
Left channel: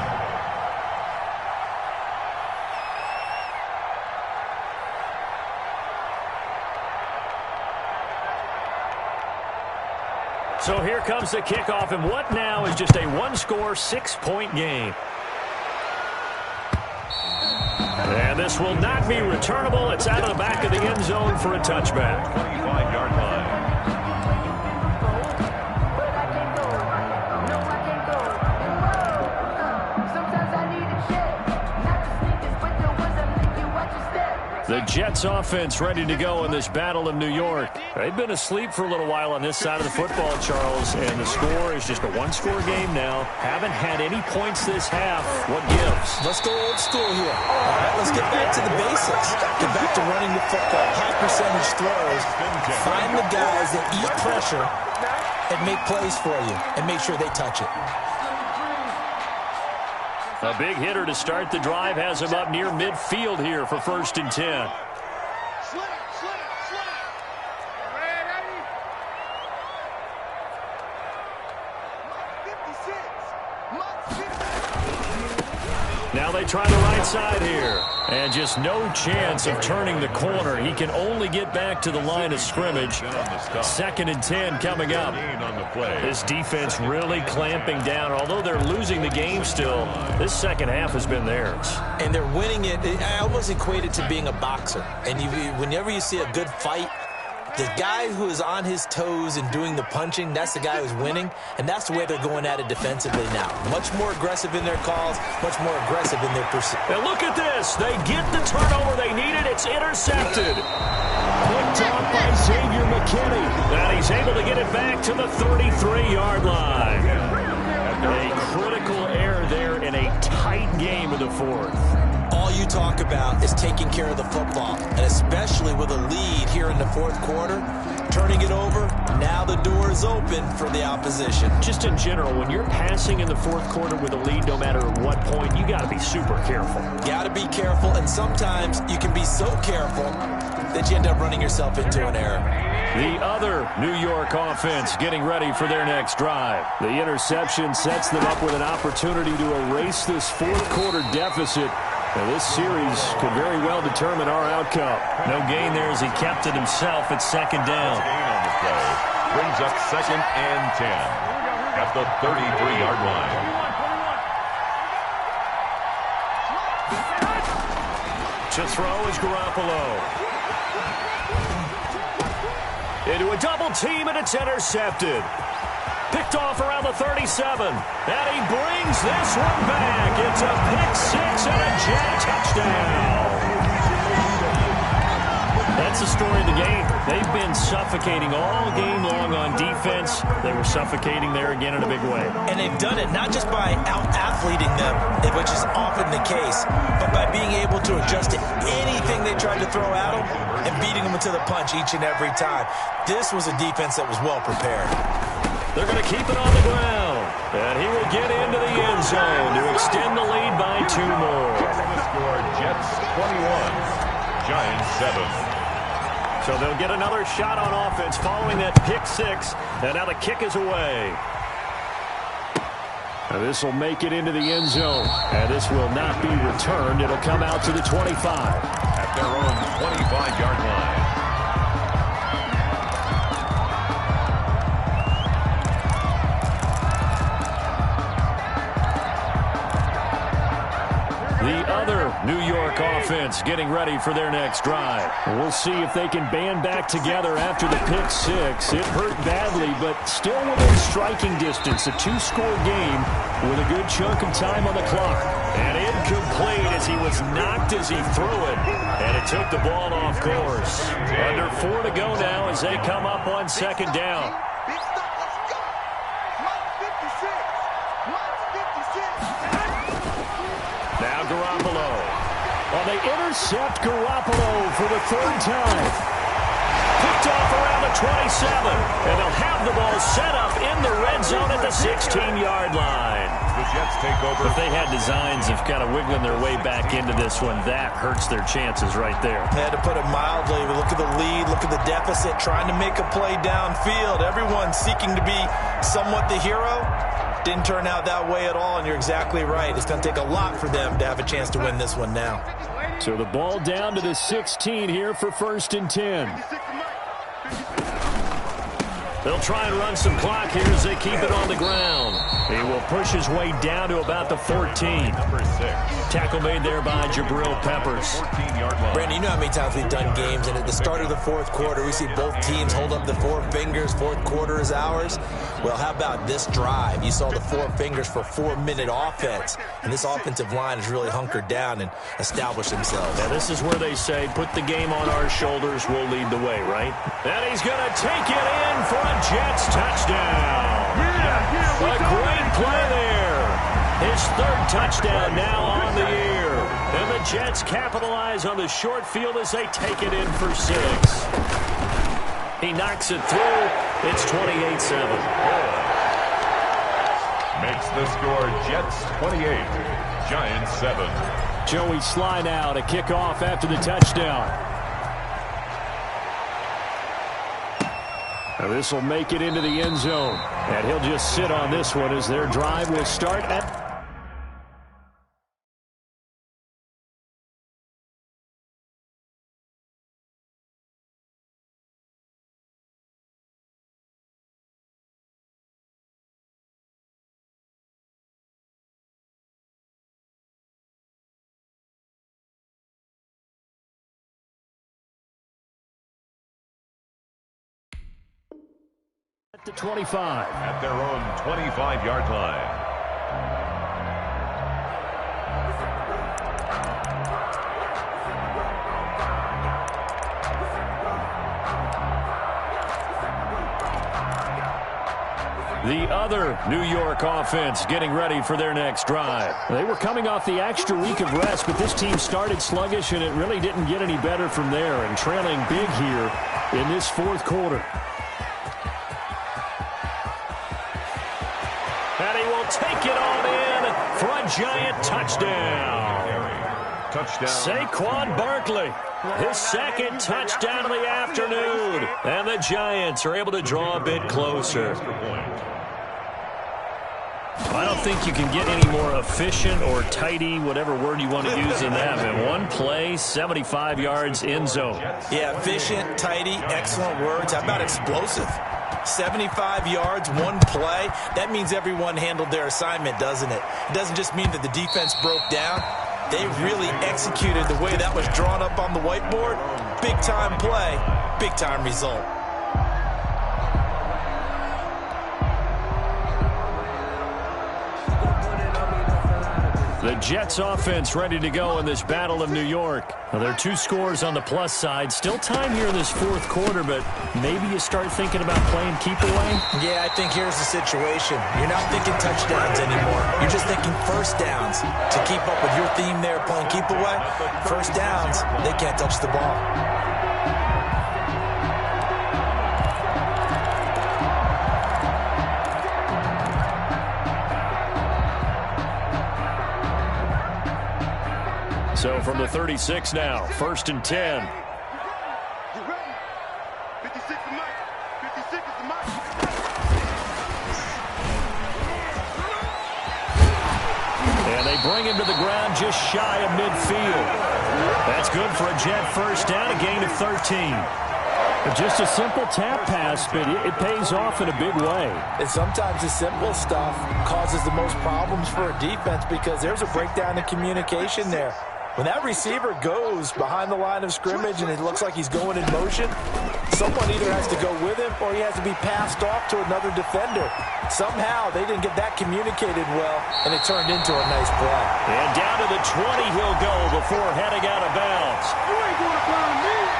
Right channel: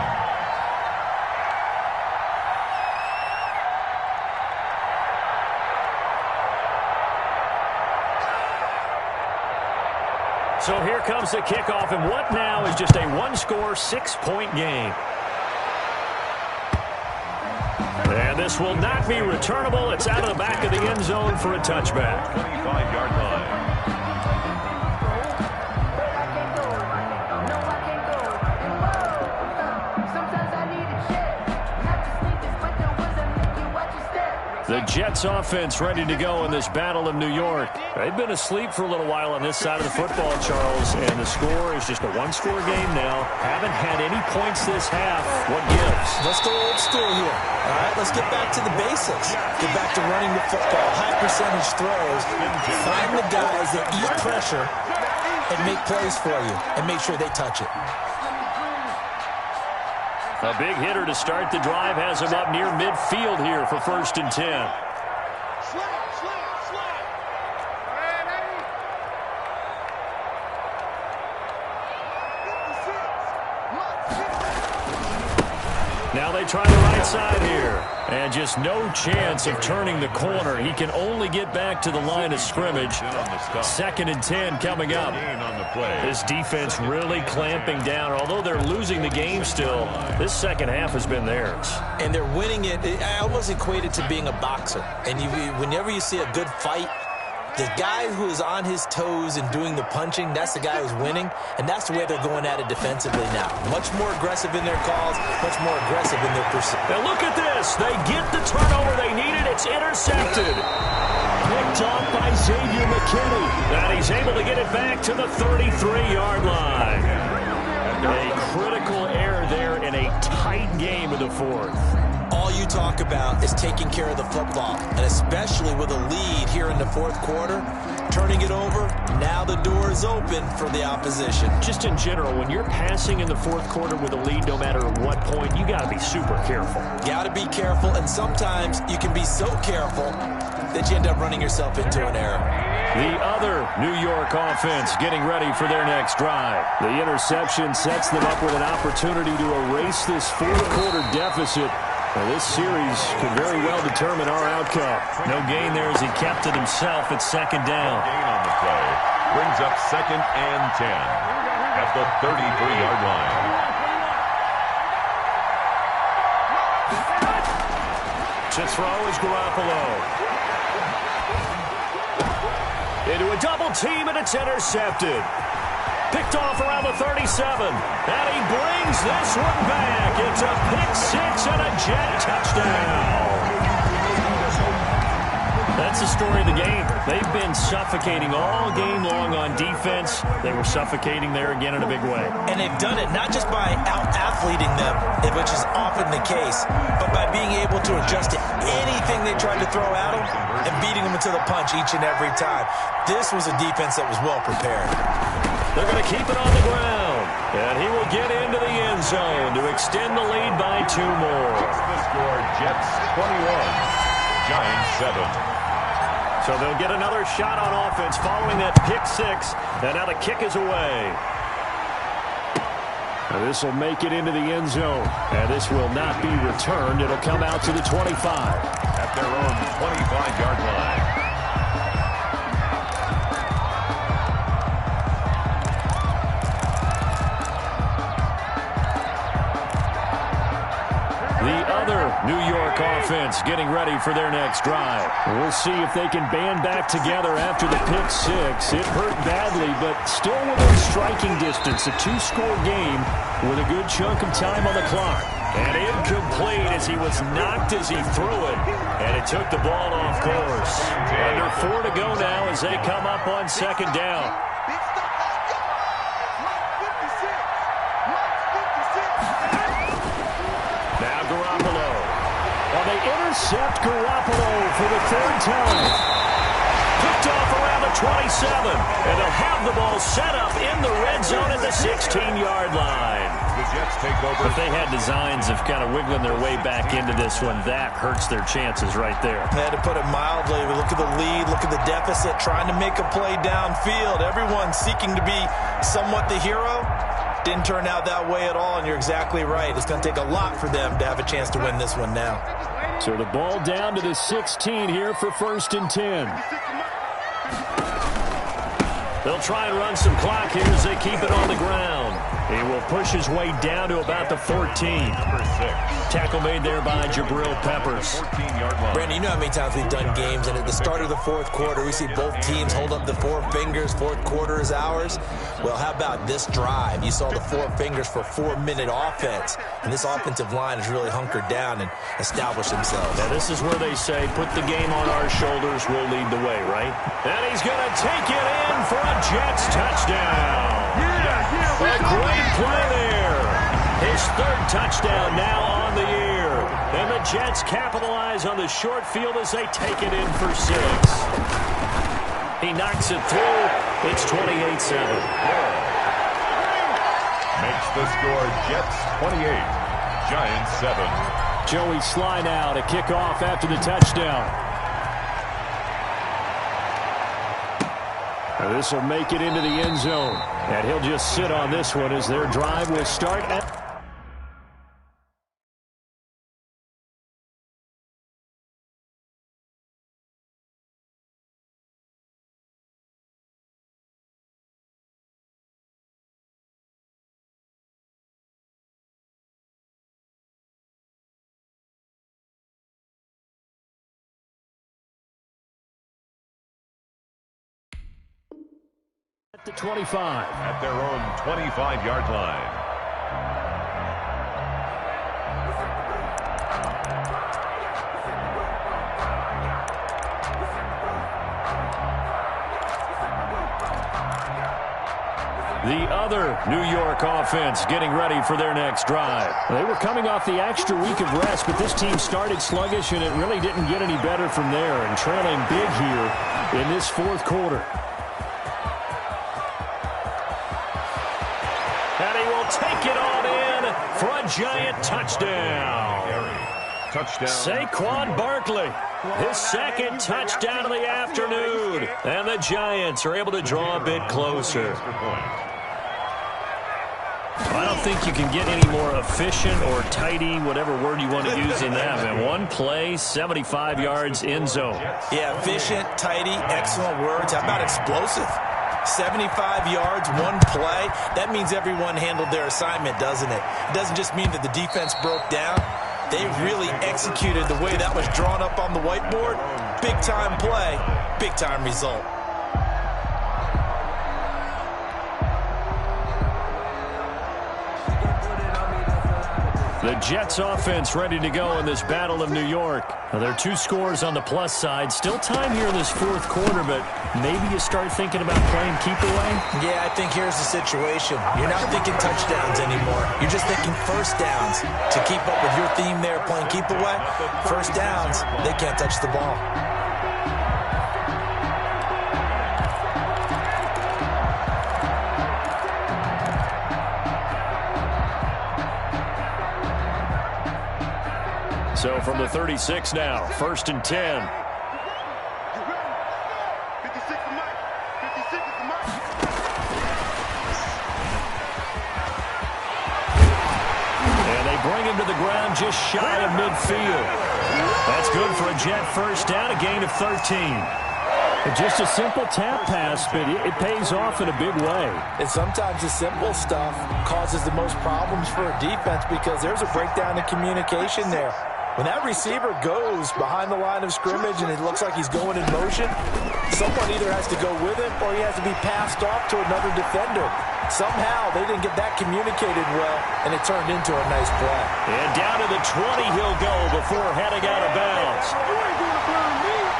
So here comes the kickoff, and what now is just a 1-score, 6-point game. And this will not be returnable. It's out of the back of the end zone for a touchback. 25-yard line. The Jets offense ready to go in this battle of New York. They've been asleep for a little while on this side of the football, Charles, and the score is just a 1-score game now. Haven't had any points this half. What gives? Let's go old school here. All right, let's get back to the basics. Get back to running the football, high percentage throws. Find the guys that eat pressure and make plays for you and make sure they touch it. A big hitter to start the drive has him up near midfield here for 1st and 10. Slam, slam, slam. Ready? 56. Now they try the right side here. And just no chance of turning the corner. He can only get back to the line of scrimmage. 2nd and 10 coming up. This defense really clamping down. Although they're losing the game still, this second half has been theirs. And they're winning it. I almost equate it to being a boxer. And whenever you see a good fight, the guy who is on his toes and doing the punching, that's the guy who's winning, and that's the way they're going at it defensively now. Much more aggressive in their calls, much more aggressive in their pursuit. Now look at this. They get the turnover they needed. It's intercepted. Picked off by Xavier McKinney. And he's able to get it back to the 33-yard line. A critical error there in a tight game of the 4th. all you talk about is taking care of the football, and especially with a lead here in the fourth quarter, turning it over, now the door is open for the opposition. Just in general, when you're passing in the fourth quarter with a lead, no matter at what point, you got to be super careful. Got to be careful, and sometimes you can be so careful that you end up running yourself into an error. The other New York offense getting ready for their next drive. The interception sets them up with an opportunity to erase this fourth quarter deficit. Now, this series could very well determine our outcome. No gain there as he kept it himself at second down. Gain on the play brings up 2nd and 10 at the 33-yard line. To throw is Garoppolo. Into a double team, and it's intercepted. Picked off around the 37, and he brings this one back. It's a pick-6 and a Jet touchdown. That's the story of the game. They've been suffocating all game long on defense. They were suffocating there again in a big way. And they've done it not just by out-athleting them, which is often the case, but by being able to adjust to anything they tried to throw at them and beating them into the punch each and every time. This was a defense that was well prepared. They're going to keep it on the ground, and he will get into the end zone to extend the lead by 2 more. The score, Jets 21, Giants 7. So they'll get another shot on offense following that pick-6, and now the kick is away. This will make it into the end zone, and this will not be returned. It'll come out to the 25. At their own 25-yard line. The other New York offense getting ready for their next drive. We'll see if they can band back together after the pick-6. It hurt badly, but still within striking distance. A 2-score game with a good chunk of time on the clock. And incomplete as he was knocked as he threw it. And it took the ball off course. Under 4 to go now as they come up on second down. Big stop, let's go. Mike 56. Mike 56. Now Garoppolo. Well, they intercept Garoppolo for the 3rd time. Picked off around the 27. And they'll have the ball set up in the red zone at the 16-yard line. The Jets take over. If they had designs of kind of wiggling their way back into this one, that hurts their chances right there. They had to put it mildly. Look at the lead, look at the deficit, trying to make a play downfield. Everyone seeking to be somewhat the hero. Didn't turn out that way at all, and you're exactly right. It's going to take a lot for them to have a chance to win this one now. So the ball down to the 16 here for 1st and 10. They'll try and run some clock here as they keep it on the ground. He will push his way down to about the 14. Number 6. Tackle made there by Jabril Peppers. 14-yard line. Brandon, you know how many times we've done games, and at the start of the fourth quarter, we see both teams hold up the 4 fingers. Fourth quarter is ours. Well, how about this drive? You saw the 4 fingers for 4-minute offense, and this offensive line has really hunkered down and established themselves. Now, this is where they say, put the game on our shoulders, we'll lead the way, right? And he's going to take it in for a Jets touchdown. A great play there. His 3rd touchdown now on the year. And the Jets capitalize on the short field as they take it in for 6. He knocks it through. It's 28-7. Makes the score Jets 28, Giants 7. Joey Sly now to kick off after the touchdown. Now this will make it into the end zone. And he'll just sit on this one as their drive will start at... the 25. At their own 25-yard line. The other New York offense getting ready for their next drive. They were coming off the extra week of rest, but this team started sluggish, and it really didn't get any better from there, and trailing big here in this fourth quarter. And he will take it on in for a giant touchdown. Saquon Barkley, his second touchdown of the afternoon. And the Giants are able to draw a bit closer. I don't think you can get any more efficient or tidy, whatever word you want to use in that. In one play, 75 yards in zone. Yeah, efficient, tidy, excellent words. How about explosive? 75 yards, one play. That means everyone handled their assignment, doesn't it? It doesn't just mean that the defense broke down. They really executed the way that was drawn up on the whiteboard. Big-time play, big-time result. The Jets offense ready to go in this Battle of New York. Now, there are 2 scores on the plus side. Still time here in this fourth quarter, but maybe you start thinking about playing keep away? Yeah, I think here's the situation. You're not thinking touchdowns anymore. You're just thinking first downs. To keep up with your theme there, playing keep away, first downs, they can't touch the ball. So from the 36 now, 1st and 10. You ready? 56 is Mike. 56 is the Mike. And they bring him to the ground just shy of midfield. That's good for a Jet first down, a gain of 13. Just a simple tap pass, but it pays off in a big way. And sometimes the simple stuff causes the most problems for a defense because there's a breakdown in communication there. When that receiver goes behind the line of scrimmage and it looks like he's going in motion, someone either has to go with him or he has to be passed off to another defender. Somehow they didn't get that communicated well, and it turned into a nice play. And down to the 20 he'll go before heading out of bounds. You ain't gonna burn me.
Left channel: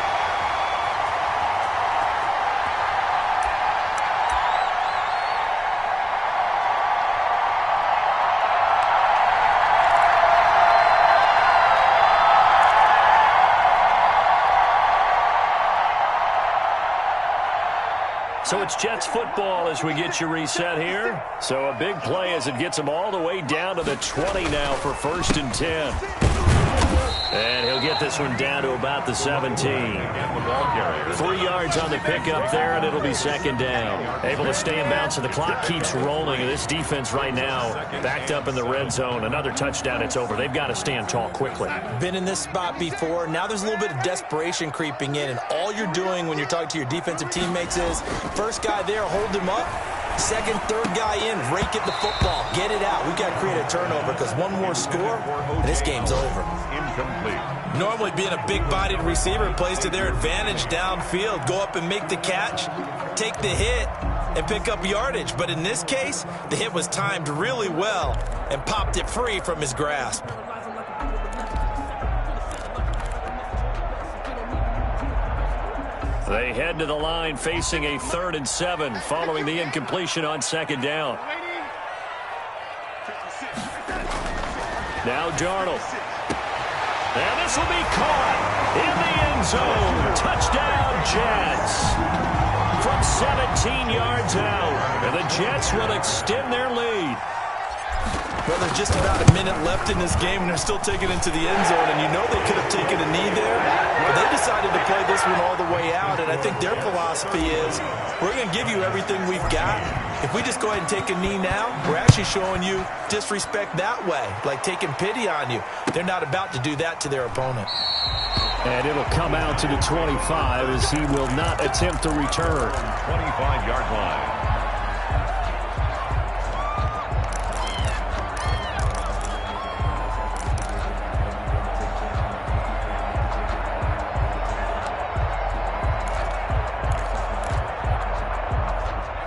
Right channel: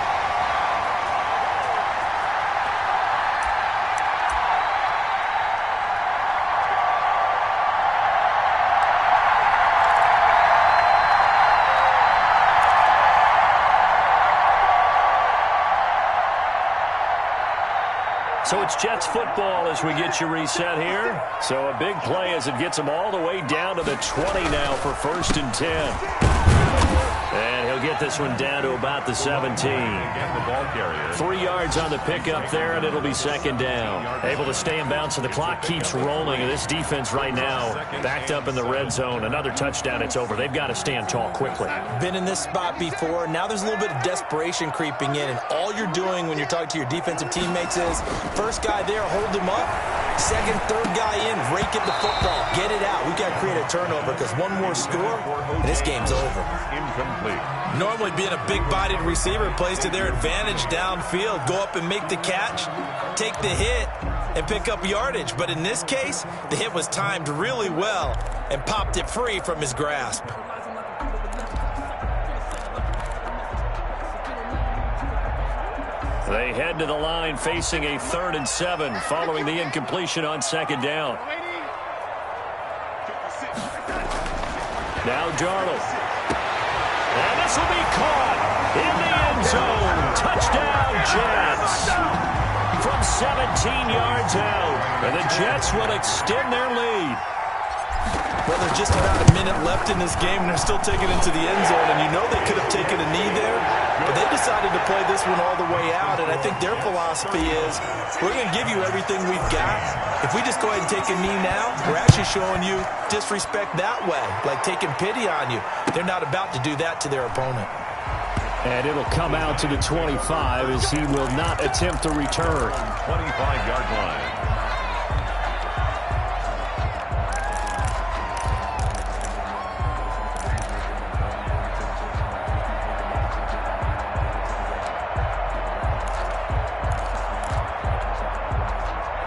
So it's Jets football as we get you reset here. So a big play as it gets them all the way down to the 20 now for 1st and 10. And he'll get this one down to about the 17. 3 yards on the pickup there, and it'll be 2nd down. Able to stay in bounds, so the clock keeps rolling. And this defense right now backed up in the red zone. Another touchdown, it's over. They've got to stand tall quickly. Been in this spot before. Now there's a little bit of desperation creeping in, and all you're doing when you're talking to your defensive teammates is first guy there, hold him up. Second, third guy in, rake it the football. Get it out. We've got to create a turnover because one more score, and this game's over. Incomplete. Normally being a big-bodied receiver plays to their advantage downfield. Go up and make the catch, take the hit, and pick up yardage. But in this case, the hit was timed really well and popped it free from his grasp. They head to the line facing a 3rd and 7 following the incompletion on 2nd down. Now Darnold. And this will be caught in the end zone. Touchdown, Jets. From 17 yards out. And the Jets will extend their lead. Well, there's just about a minute left in this game, and they're still taking it to the end zone. And you know they could have taken a knee there, but they decided to play this one all the way out. And I think their philosophy is, we're going to give you everything we've got. If we just go ahead and take a knee now, we're actually showing you disrespect that way, like taking pity on you. They're not about to do that to their opponent. And it'll come out to the 25 as he will not attempt to return. 25-yard line.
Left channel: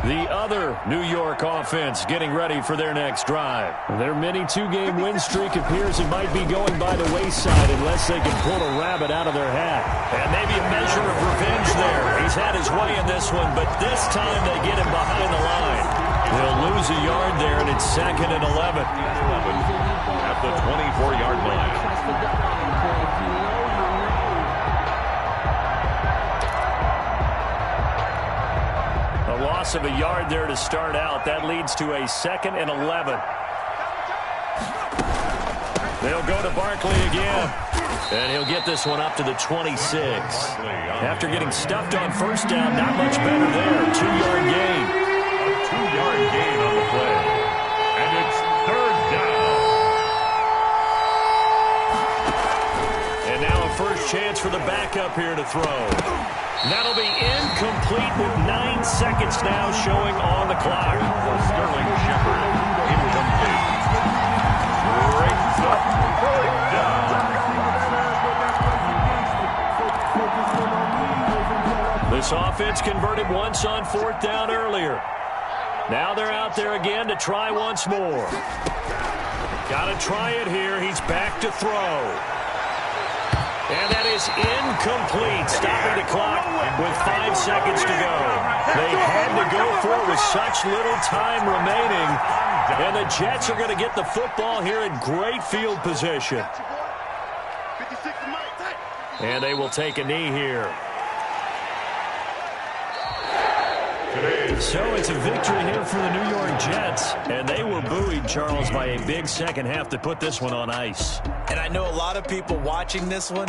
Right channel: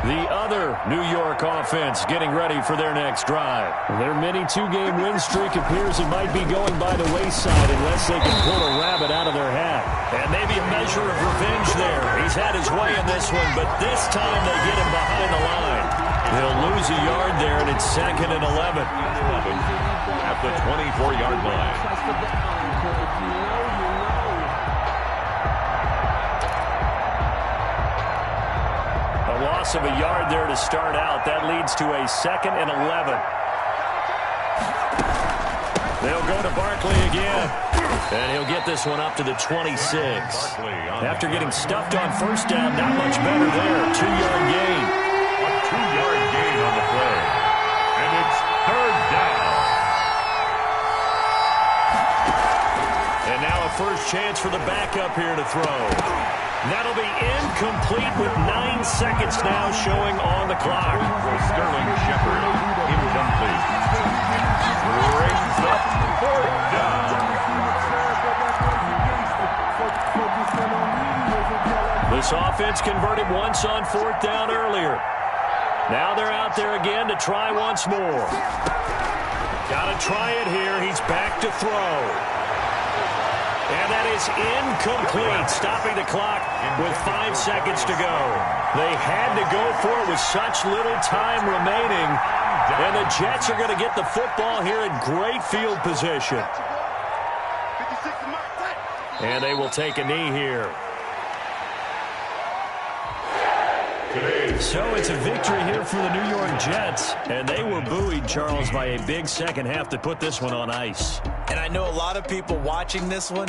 The other New York offense getting ready for their next drive. Their mini 2-game win streak appears it might be going by the wayside unless they can pull a rabbit out of their hat. And maybe a measure of revenge there. He's had his way in this one, but this time they get him behind the line. They'll lose a yard there, and it's 2nd and 11. At the 24-yard line. A loss of a yard there to start out. That leads to a 2nd and 11. They'll go to Barkley again. And he'll get this one up to the 26. After getting stuffed on first down, not much better there. 2-yard gain. A 2-yard gain on the play. And it's 3rd down. And now a first chance for the backup here to throw. That'll be incomplete with 9 seconds now showing on the clock. For Sterling Shepard, incomplete. Brings up 4th down. This offense converted once on 4th down earlier. Now they're out there again to try once more. Got to try it here. He's back to throw. And that is incomplete, stopping the clock with 5 seconds to go. They had to go for it with such little time remaining. And the Jets are going to get the football here in great field position. And they will take a knee here. So it's a victory here for the New York Jets. And they were buoyed, Charles, by a big second half to put this one on ice. And I know a lot of people watching this one